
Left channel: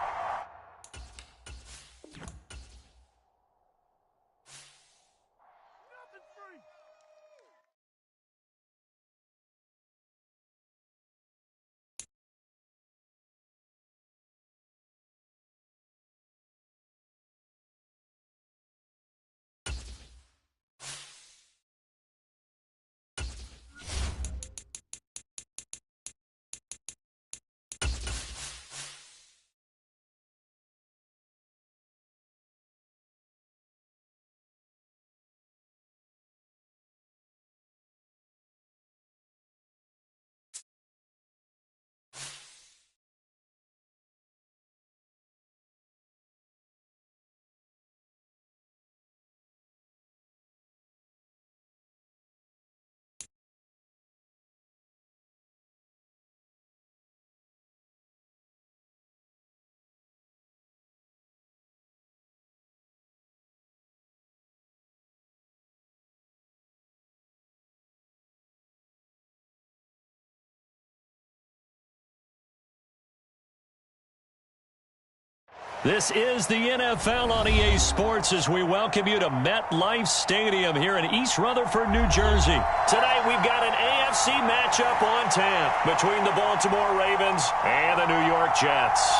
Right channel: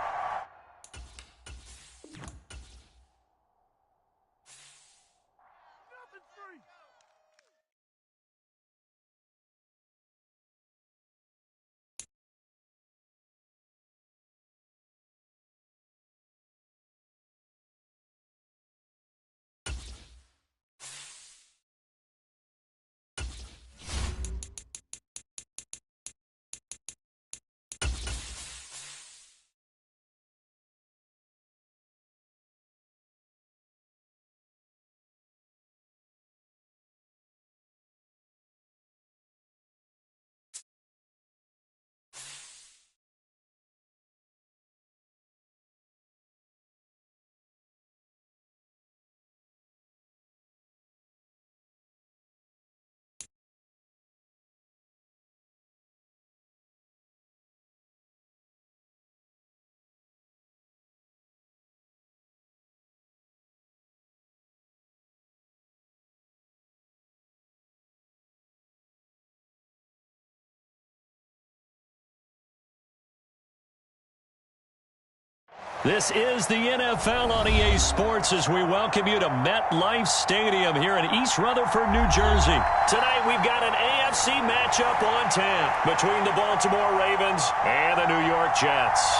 This is the NFL on EA Sports as we welcome you to MetLife Stadium here in East Rutherford, New Jersey. Tonight we've got an AFC matchup on tap between the Baltimore Ravens and the New York Jets.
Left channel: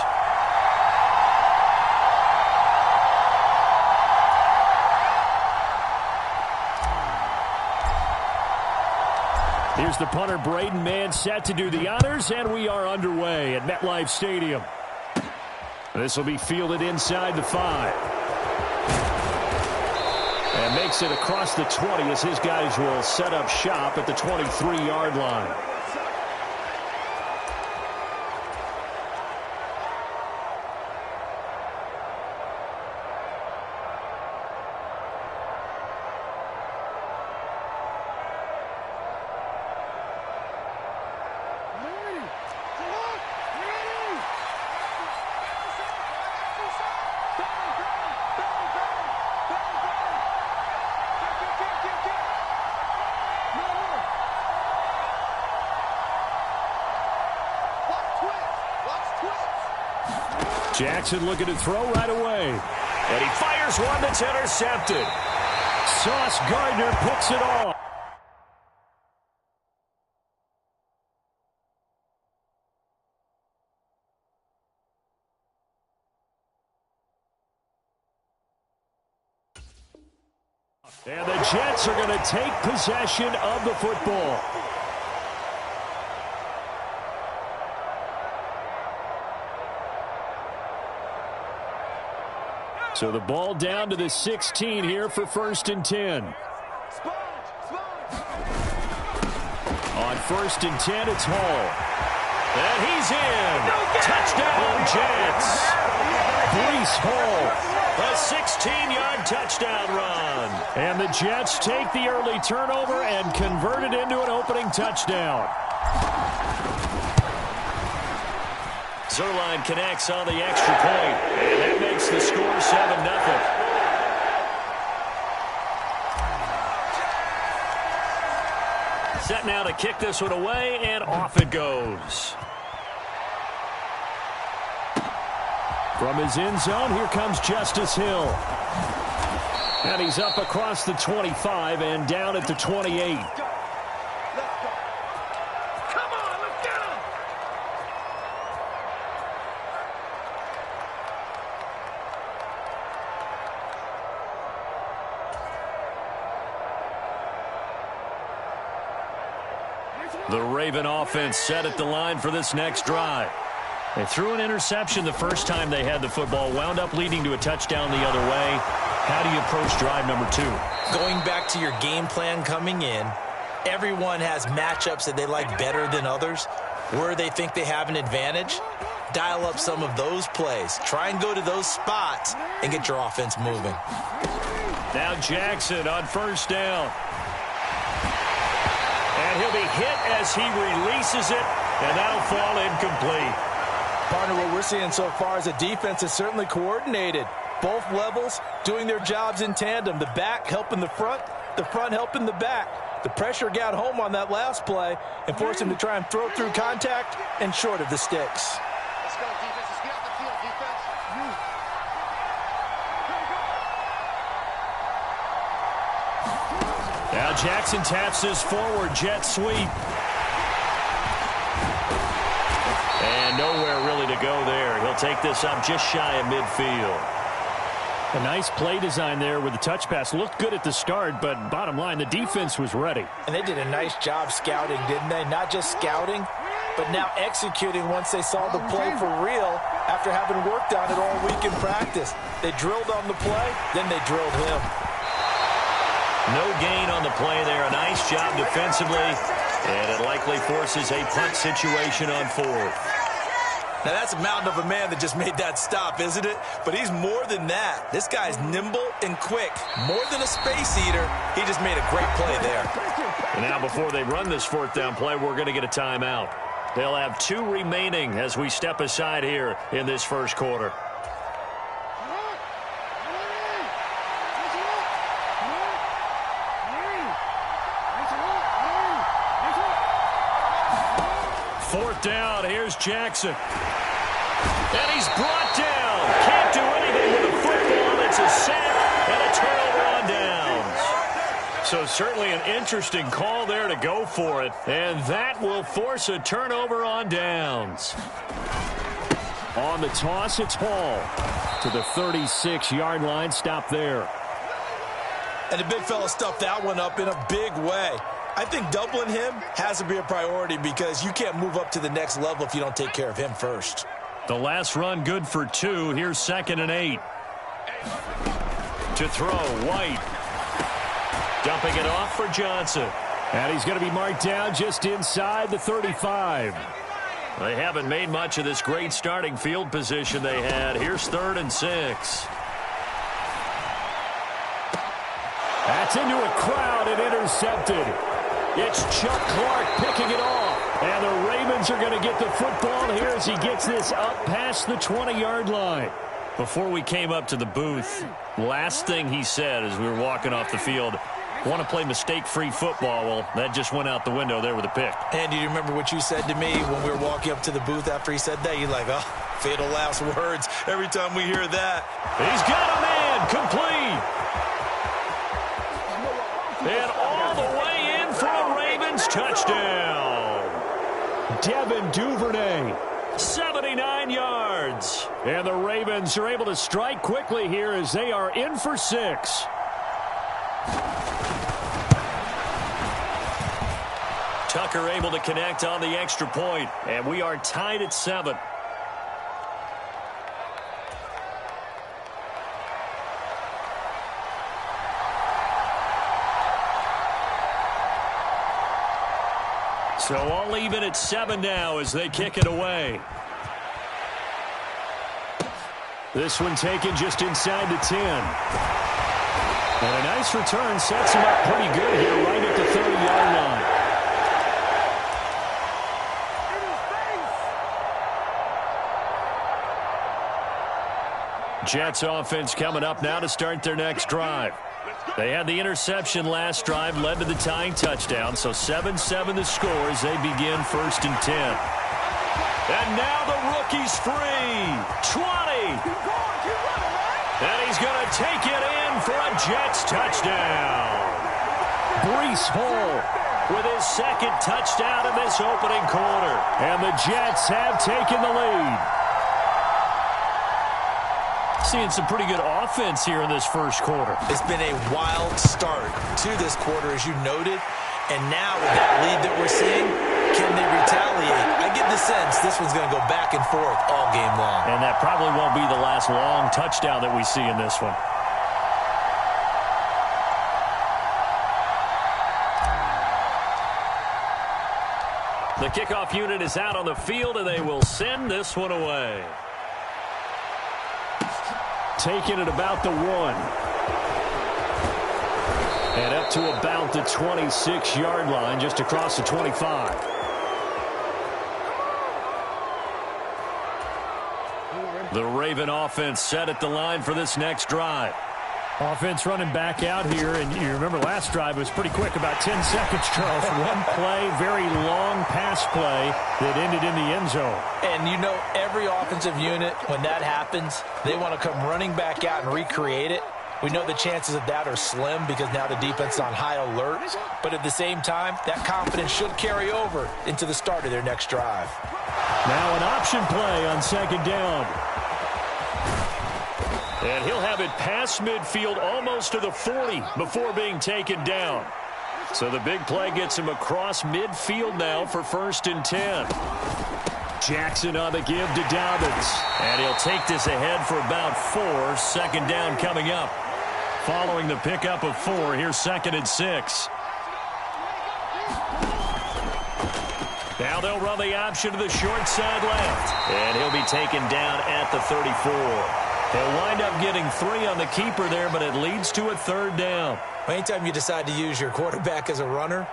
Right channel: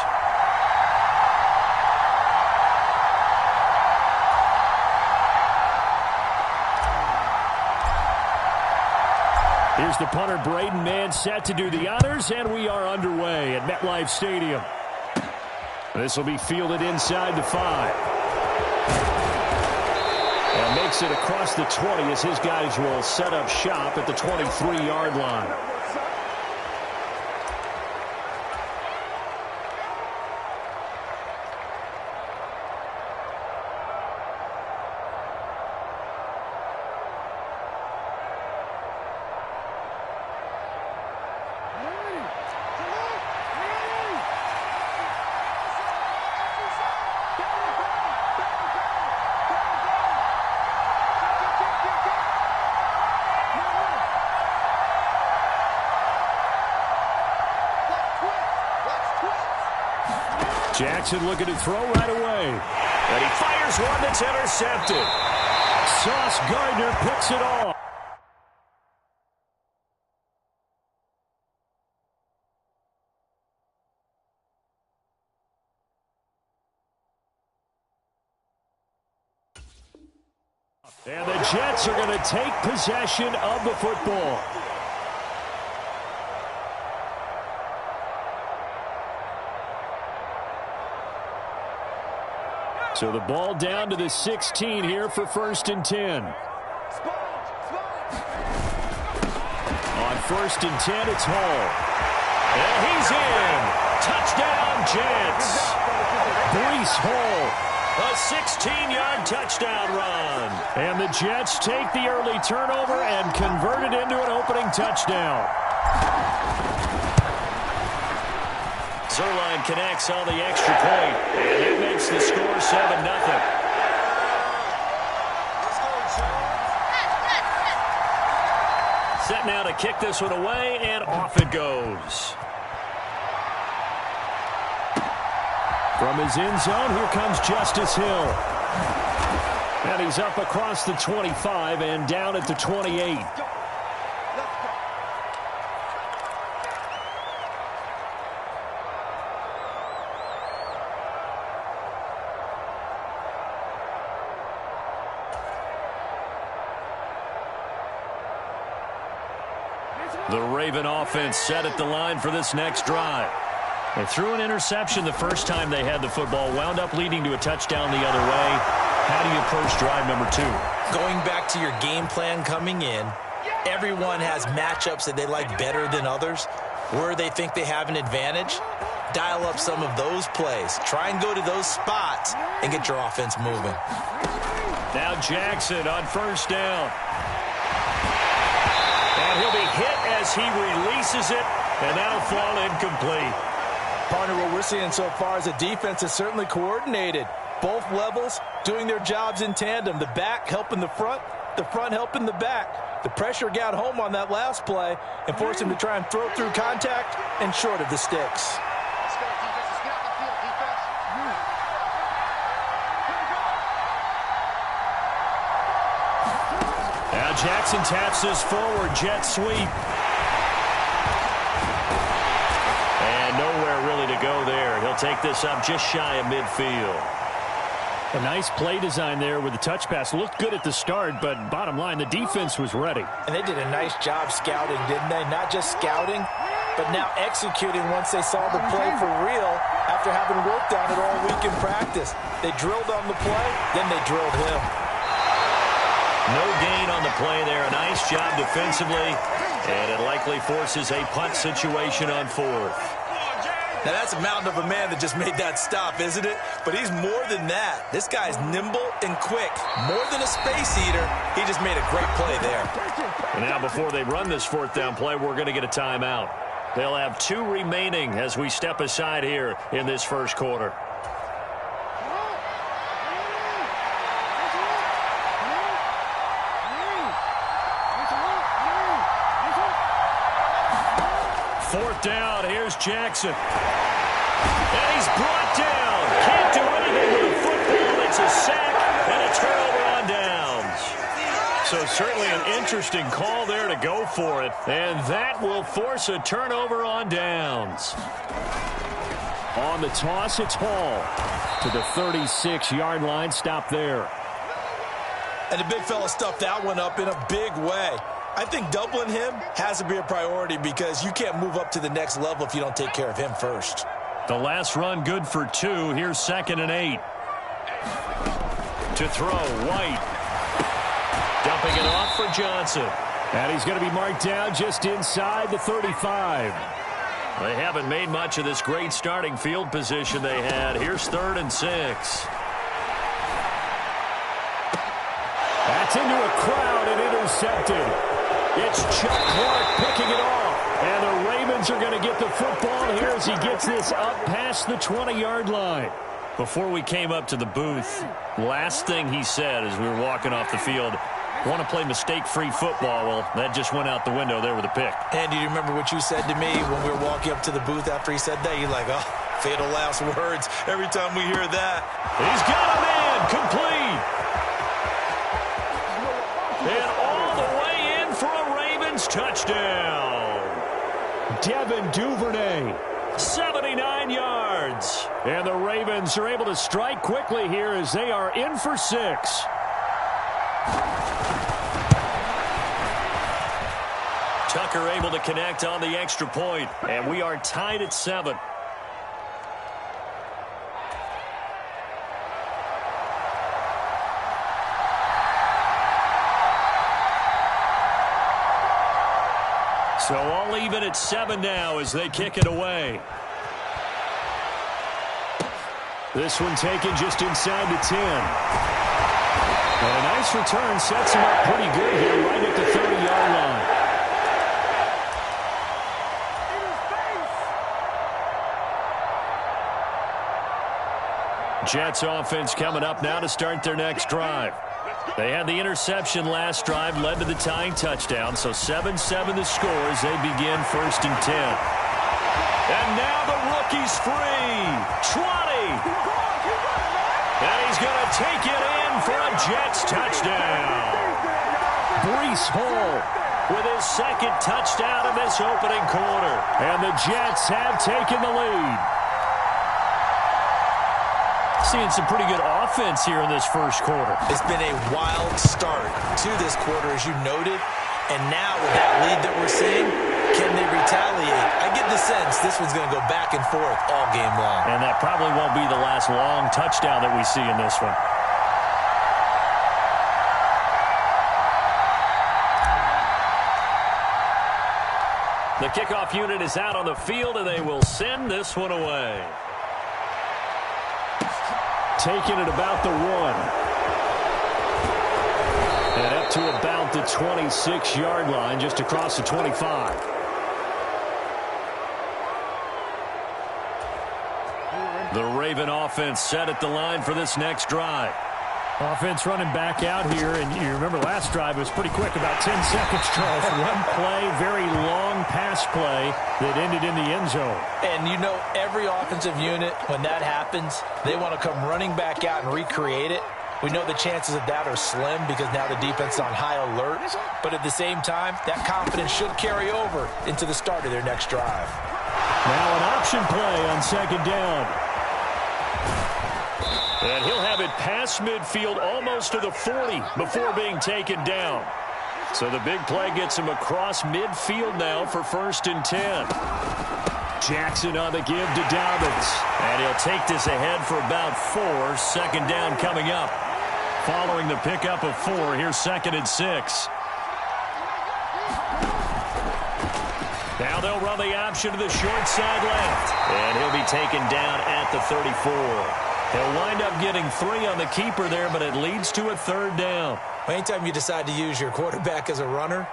Here's the punter, Braden Mann, set to do the honors, and we are underway at MetLife Stadium. This will be fielded inside the 5. And makes it across the 20 as his guys will set up shop at the 23-yard line. Jackson looking to throw right away. And he fires one that's intercepted. Sauce Gardner picks it off. And the Jets are going to take possession of the football. So the ball down to the 16 here for 1st and 10. On 1st and 10, it's Hall. And he's in. Touchdown, Jets. Breece Hall A 16-yard touchdown run. And the Jets take the early turnover and convert it into an opening touchdown. Zuerlein connects on the extra point, and that makes the score 7-0. Set now to kick this one away, and off it goes. From his end zone, here comes Justice Hill. And he's up across the 25 and down at the 28. The Raven offense set at the line for this next drive. They threw an interception the first time they had the football, wound up leading to a touchdown the other way. How do you approach drive number 2? Going back to your game plan coming in, everyone has matchups that they like better than others. Where they think they have an advantage, dial up some of those plays. Try and go to those spots and get your offense moving. Now Jackson on first down. And he'll be hit as he releases it, and that'll fall incomplete. Partner, what we're seeing so far is a defense is certainly coordinated. Both levels doing their jobs in tandem. The back helping the front helping the back. The pressure got home on that last play and forced him to try and throw through contact and short of the sticks. Let's go, defense. Let's get out the field, defense. Now Jackson taps this forward jet sweep. And nowhere really to go there. He'll take this up just shy of midfield. A nice play design there with the touch pass. Looked good at the start, but bottom line, the defense was ready. And they did a nice job scouting, didn't they? Not just scouting, but now executing once they saw the play for real after having worked on it all week in practice. They drilled on the play, then they drilled him. No gain on the play there. A nice job defensively, and it likely forces a punt situation on 4th. Now, that's a mountain of a man that just made that stop, isn't it? But he's more than that. This guy's nimble and quick. More than a space eater, he just made a great play there. And now before they run this 4th down play, we're going to get a timeout. They'll have 2 remaining as we step aside here in this first quarter. Fourth down, here's Jackson. And he's brought down. Can't do anything with a football. It's a sack and a turnover on downs. So certainly an interesting call there to go for it. And that will force a turnover on downs. On the toss, it's Hall to the 36-yard line. Stop there. And the big fella stuffed that one up in a big way. I think doubling him has to be a priority because you can't move up to the next level if you don't take care of him first. The last run good for 2. Here's 2nd and 8. To throw, White. Dumping it off for Johnson. And he's going to be marked down just inside the 35. They haven't made much of this great starting field position they had. Here's 3rd and 6. That's into a crowd and intercepted. It's Chuck Clark picking it off. And the Ravens are going to get the football here as he gets this up past the 20-yard line. Before we came up to the booth, last thing he said as we were walking off the field, want to play mistake-free football. Well, that just went out the window there with a pick. And do you remember what you said to me when we were walking up to the booth after he said that? You're like, oh, fatal last words every time we hear that. He's got a man complete. And all the way in for a Ravens touchdown. Devin Duvernay. 79 yards. And the Ravens are able to strike quickly here as they are in for 6. Tucker able to connect on the extra point, and we are tied at 7. So all even at 7 now as they kick it away. This one taken just inside the 10. And a nice return sets him up pretty good here right at the 30-yard line. Jets offense coming up now to start their next drive. They had the interception last drive, led to the tying touchdown, so 7-7 the score as they begin 1st and 10. And now the rookie's free. 20. And he's going to take it in for a Jets touchdown. Breece Hall with his second touchdown in this opening quarter. And the Jets have taken the lead. Seeing some pretty good offense here in this first quarter. It's been a wild start to this quarter, as you noted. And now with that lead that we're seeing, can they retaliate? I get the sense this one's going to go back and forth all game long. And that probably won't be the last long touchdown that we see in this one. The kickoff unit is out on the field, and they will send this one away. Taking it about the 1. And up to about the 26-yard line, just across the 25. The Raven offense set at the line for this next drive. Offense running back out here, and you remember last drive was pretty quick, about 10 seconds, Charles. One play, very long pass play that ended in the end zone. And you know every offensive unit, when that happens, they want to come running back out and recreate it. We know the chances of that are slim because now the defense is on high alert. But at the same time, that confidence should carry over into the start of their next drive. Now an option play on 2nd down. And he'll have it past midfield almost to the 40 before being taken down. So the big play gets him across midfield now for 1st and 10. Jackson on the give to Dobbins. And he'll take this ahead for about 4. 2nd down coming up. Following the pickup of 4, here's 2nd and 6. Now they'll run the option to the short side left. And he'll be taken down at the 34. He'll wind up getting 3 on the keeper there, but it leads to a 3rd down. Anytime you decide to use your quarterback as a runner,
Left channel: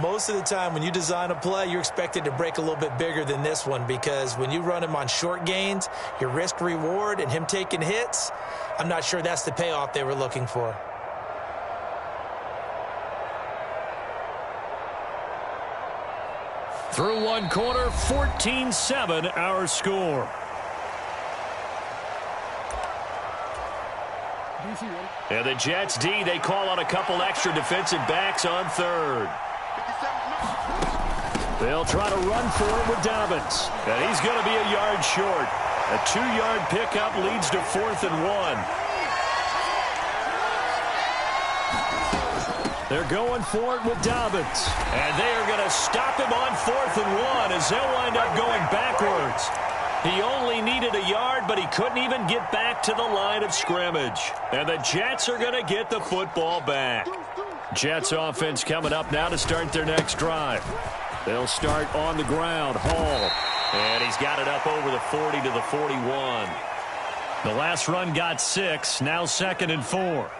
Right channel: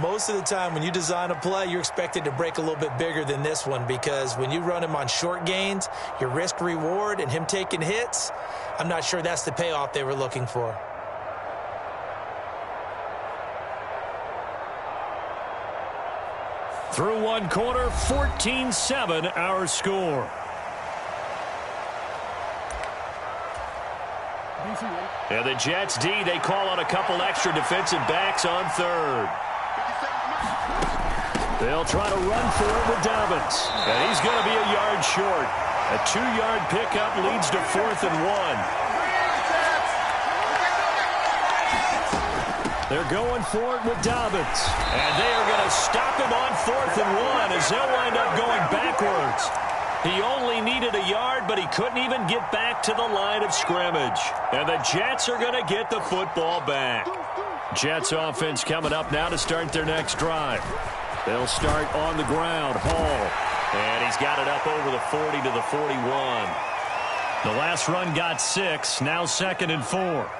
most of the time when you design a play, you're expected to break a little bit bigger than this one because when you run him on short gains, your risk-reward and him taking hits, I'm not sure that's the payoff they were looking for. Through one quarter, 14-7 our score. And the Jets D, they call on a couple extra defensive backs on 3rd. They'll try to run for it with Dobbins. And he's going to be a yard short. A 2-yard pickup leads to 4th and 1. They're going for it with Dobbins. And they are going to stop him on 4th and 1 as they'll wind up going backwards. He only needed a yard, but he couldn't even get back to the line of scrimmage. And the Jets are going to get the football back. Jets offense coming up now to start their next drive. They'll start on the ground. Hall. And he's got it up over the 40 to the 41. The last run got 6. Now 2nd and 4.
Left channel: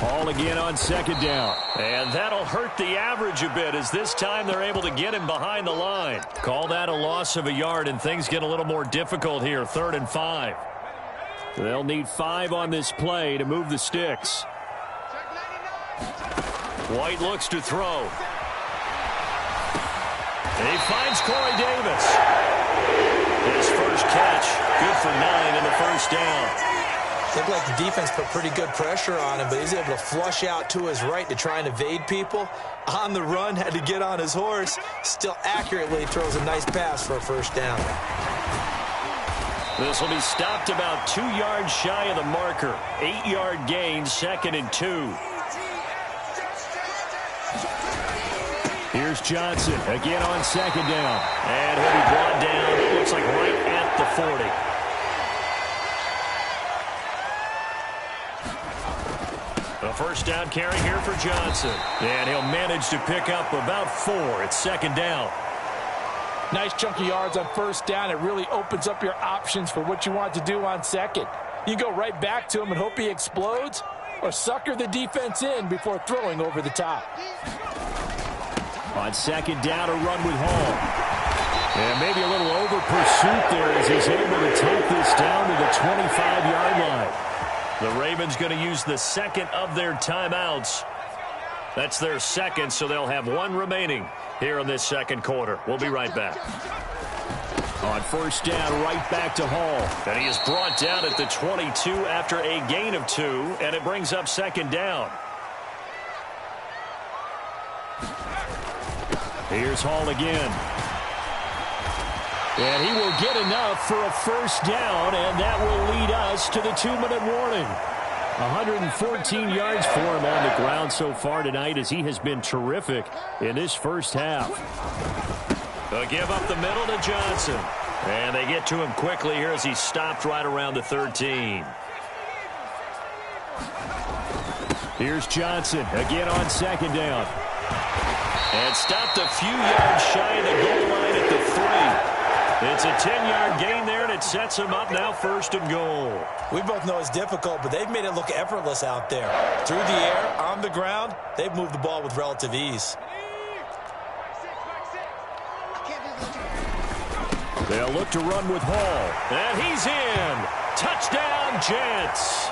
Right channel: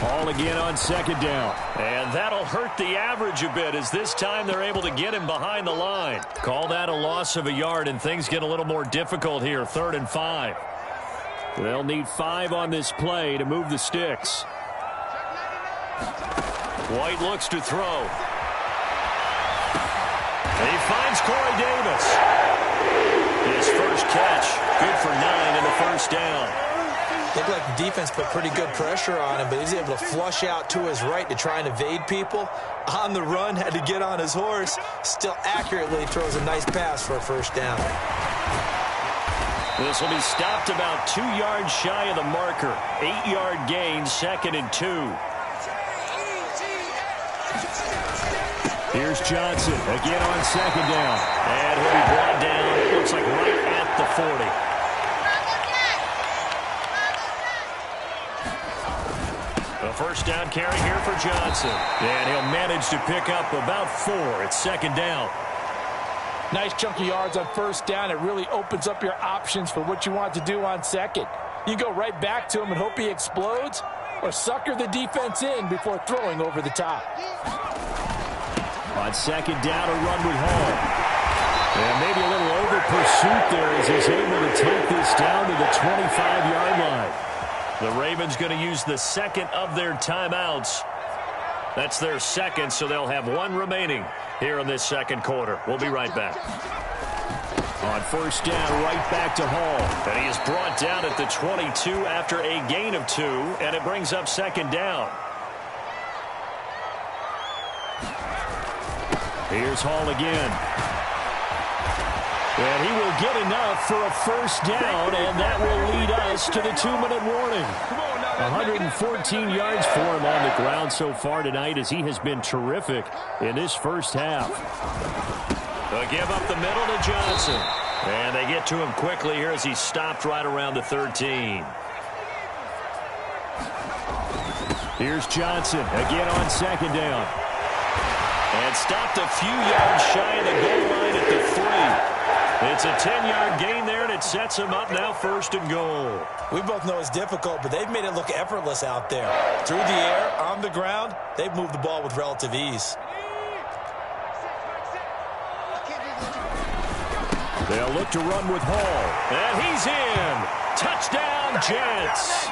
Hall again on 2nd down. And that'll hurt the average a bit as this time they're able to get him behind the line. Call that a loss of a yard, and things get a little more difficult here. 3rd and 5. They'll need 5 on this play to move the sticks. White looks to throw. He finds Corey Davis. His first catch, good for 9 and a 1st down. Looked like the defense put pretty good pressure on him, but he's able to flush out to his right to try and evade people. On the run, had to get on his horse. Still accurately throws a nice pass for a 1st down. This will be stopped about 2 yards shy of the marker. 8-yard gain, 2nd and 2. Here's Johnson again on 2nd down. And he'll be brought down, it looks like right at the 40. A 1st down carry here for Johnson. And he'll manage to pick up about 4. It's 2nd down. Nice chunky yards on first down. It really opens up your options for what you want to do on second. You go right back to him and hope he explodes, or sucker the defense in before throwing over the top. On second down, a run with Hall. And maybe a little over pursuit there as he's able to take this down to the 25-yard line. The Ravens going to use the second of their timeouts. That's their second, so they'll have one remaining here in this second quarter. We'll be right back. On first down, right back to Hall. And he is brought down at the 22 after a gain of 2, and it brings up second down. Here's Hall again. And he will get enough for a first down, and that will lead us to the 2-minute warning. 114 yards for him on the ground so far tonight as he has been terrific in this first half. They'll give up the middle to Johnson. And they get to him quickly here as he stopped right around the 13. Here's Johnson again on second down. And stopped a few yards shy of the goal line at the 3. It's a 10-yard gain there, and it sets him up now first and goal. We both know it's difficult, but they've made it look effortless out there. Through the air, on the ground, they've moved the ball with relative ease. They'll look to run with Hall. And he's in. Touchdown, Jets.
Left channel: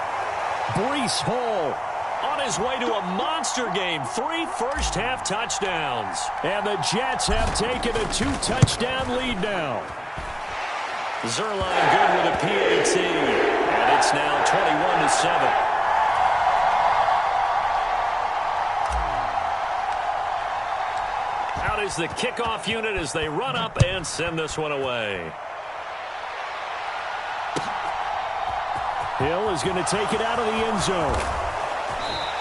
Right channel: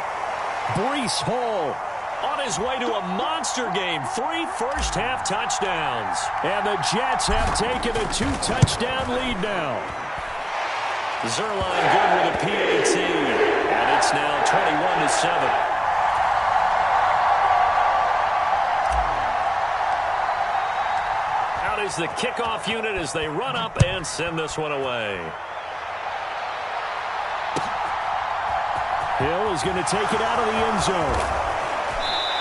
Breece Hall on his way to a monster game. 3 first-half touchdowns. And the Jets have taken a 2-touchdown lead now. Zerline good with a PAT. And it's now 21-7. Out is the kickoff unit as they run up and send this one away. Hill is going to take it out of the end zone.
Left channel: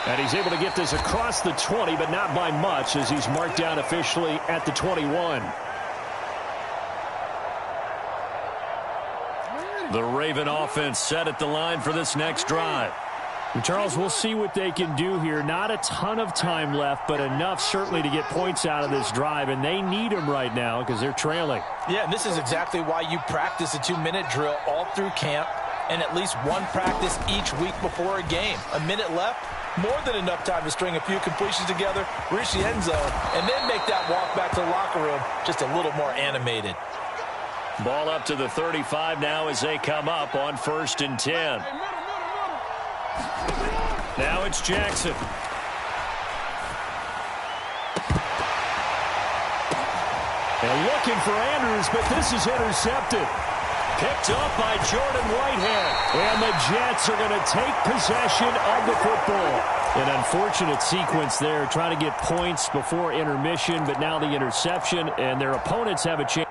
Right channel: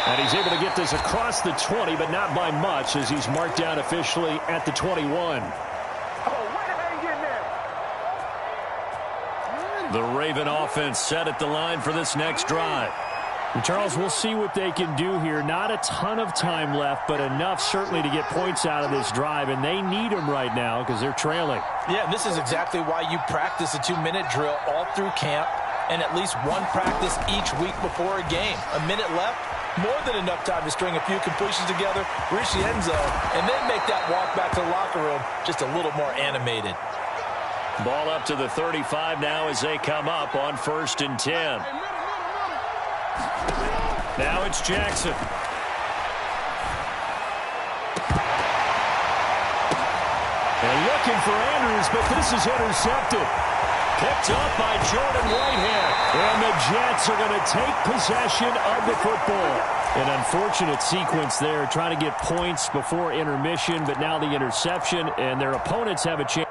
And he's able to get this across the 20, but not by much as he's marked down officially at the 21. The Raven offense set at the line for this next drive. And Charles, we'll see what they can do here. Not a ton of time left, but enough certainly to get points out of this drive, and they need them right now because they're trailing. Yeah, and this is exactly why you practice a 2-minute drill all through camp and at least one practice each week before a game. A minute left, more than enough time to string a few completions together, reach the end zone, and then make that walk back to the locker room just a little more animated. Ball up to the 35 now as they come up on 1st and 10. Now it's Jackson. And looking for Andrews, but this is intercepted. Picked up by Jordan Whitehead. And the Jets are going to take possession of the football. An unfortunate sequence there, trying to get points before intermission, but now the interception, and their opponents have a chance.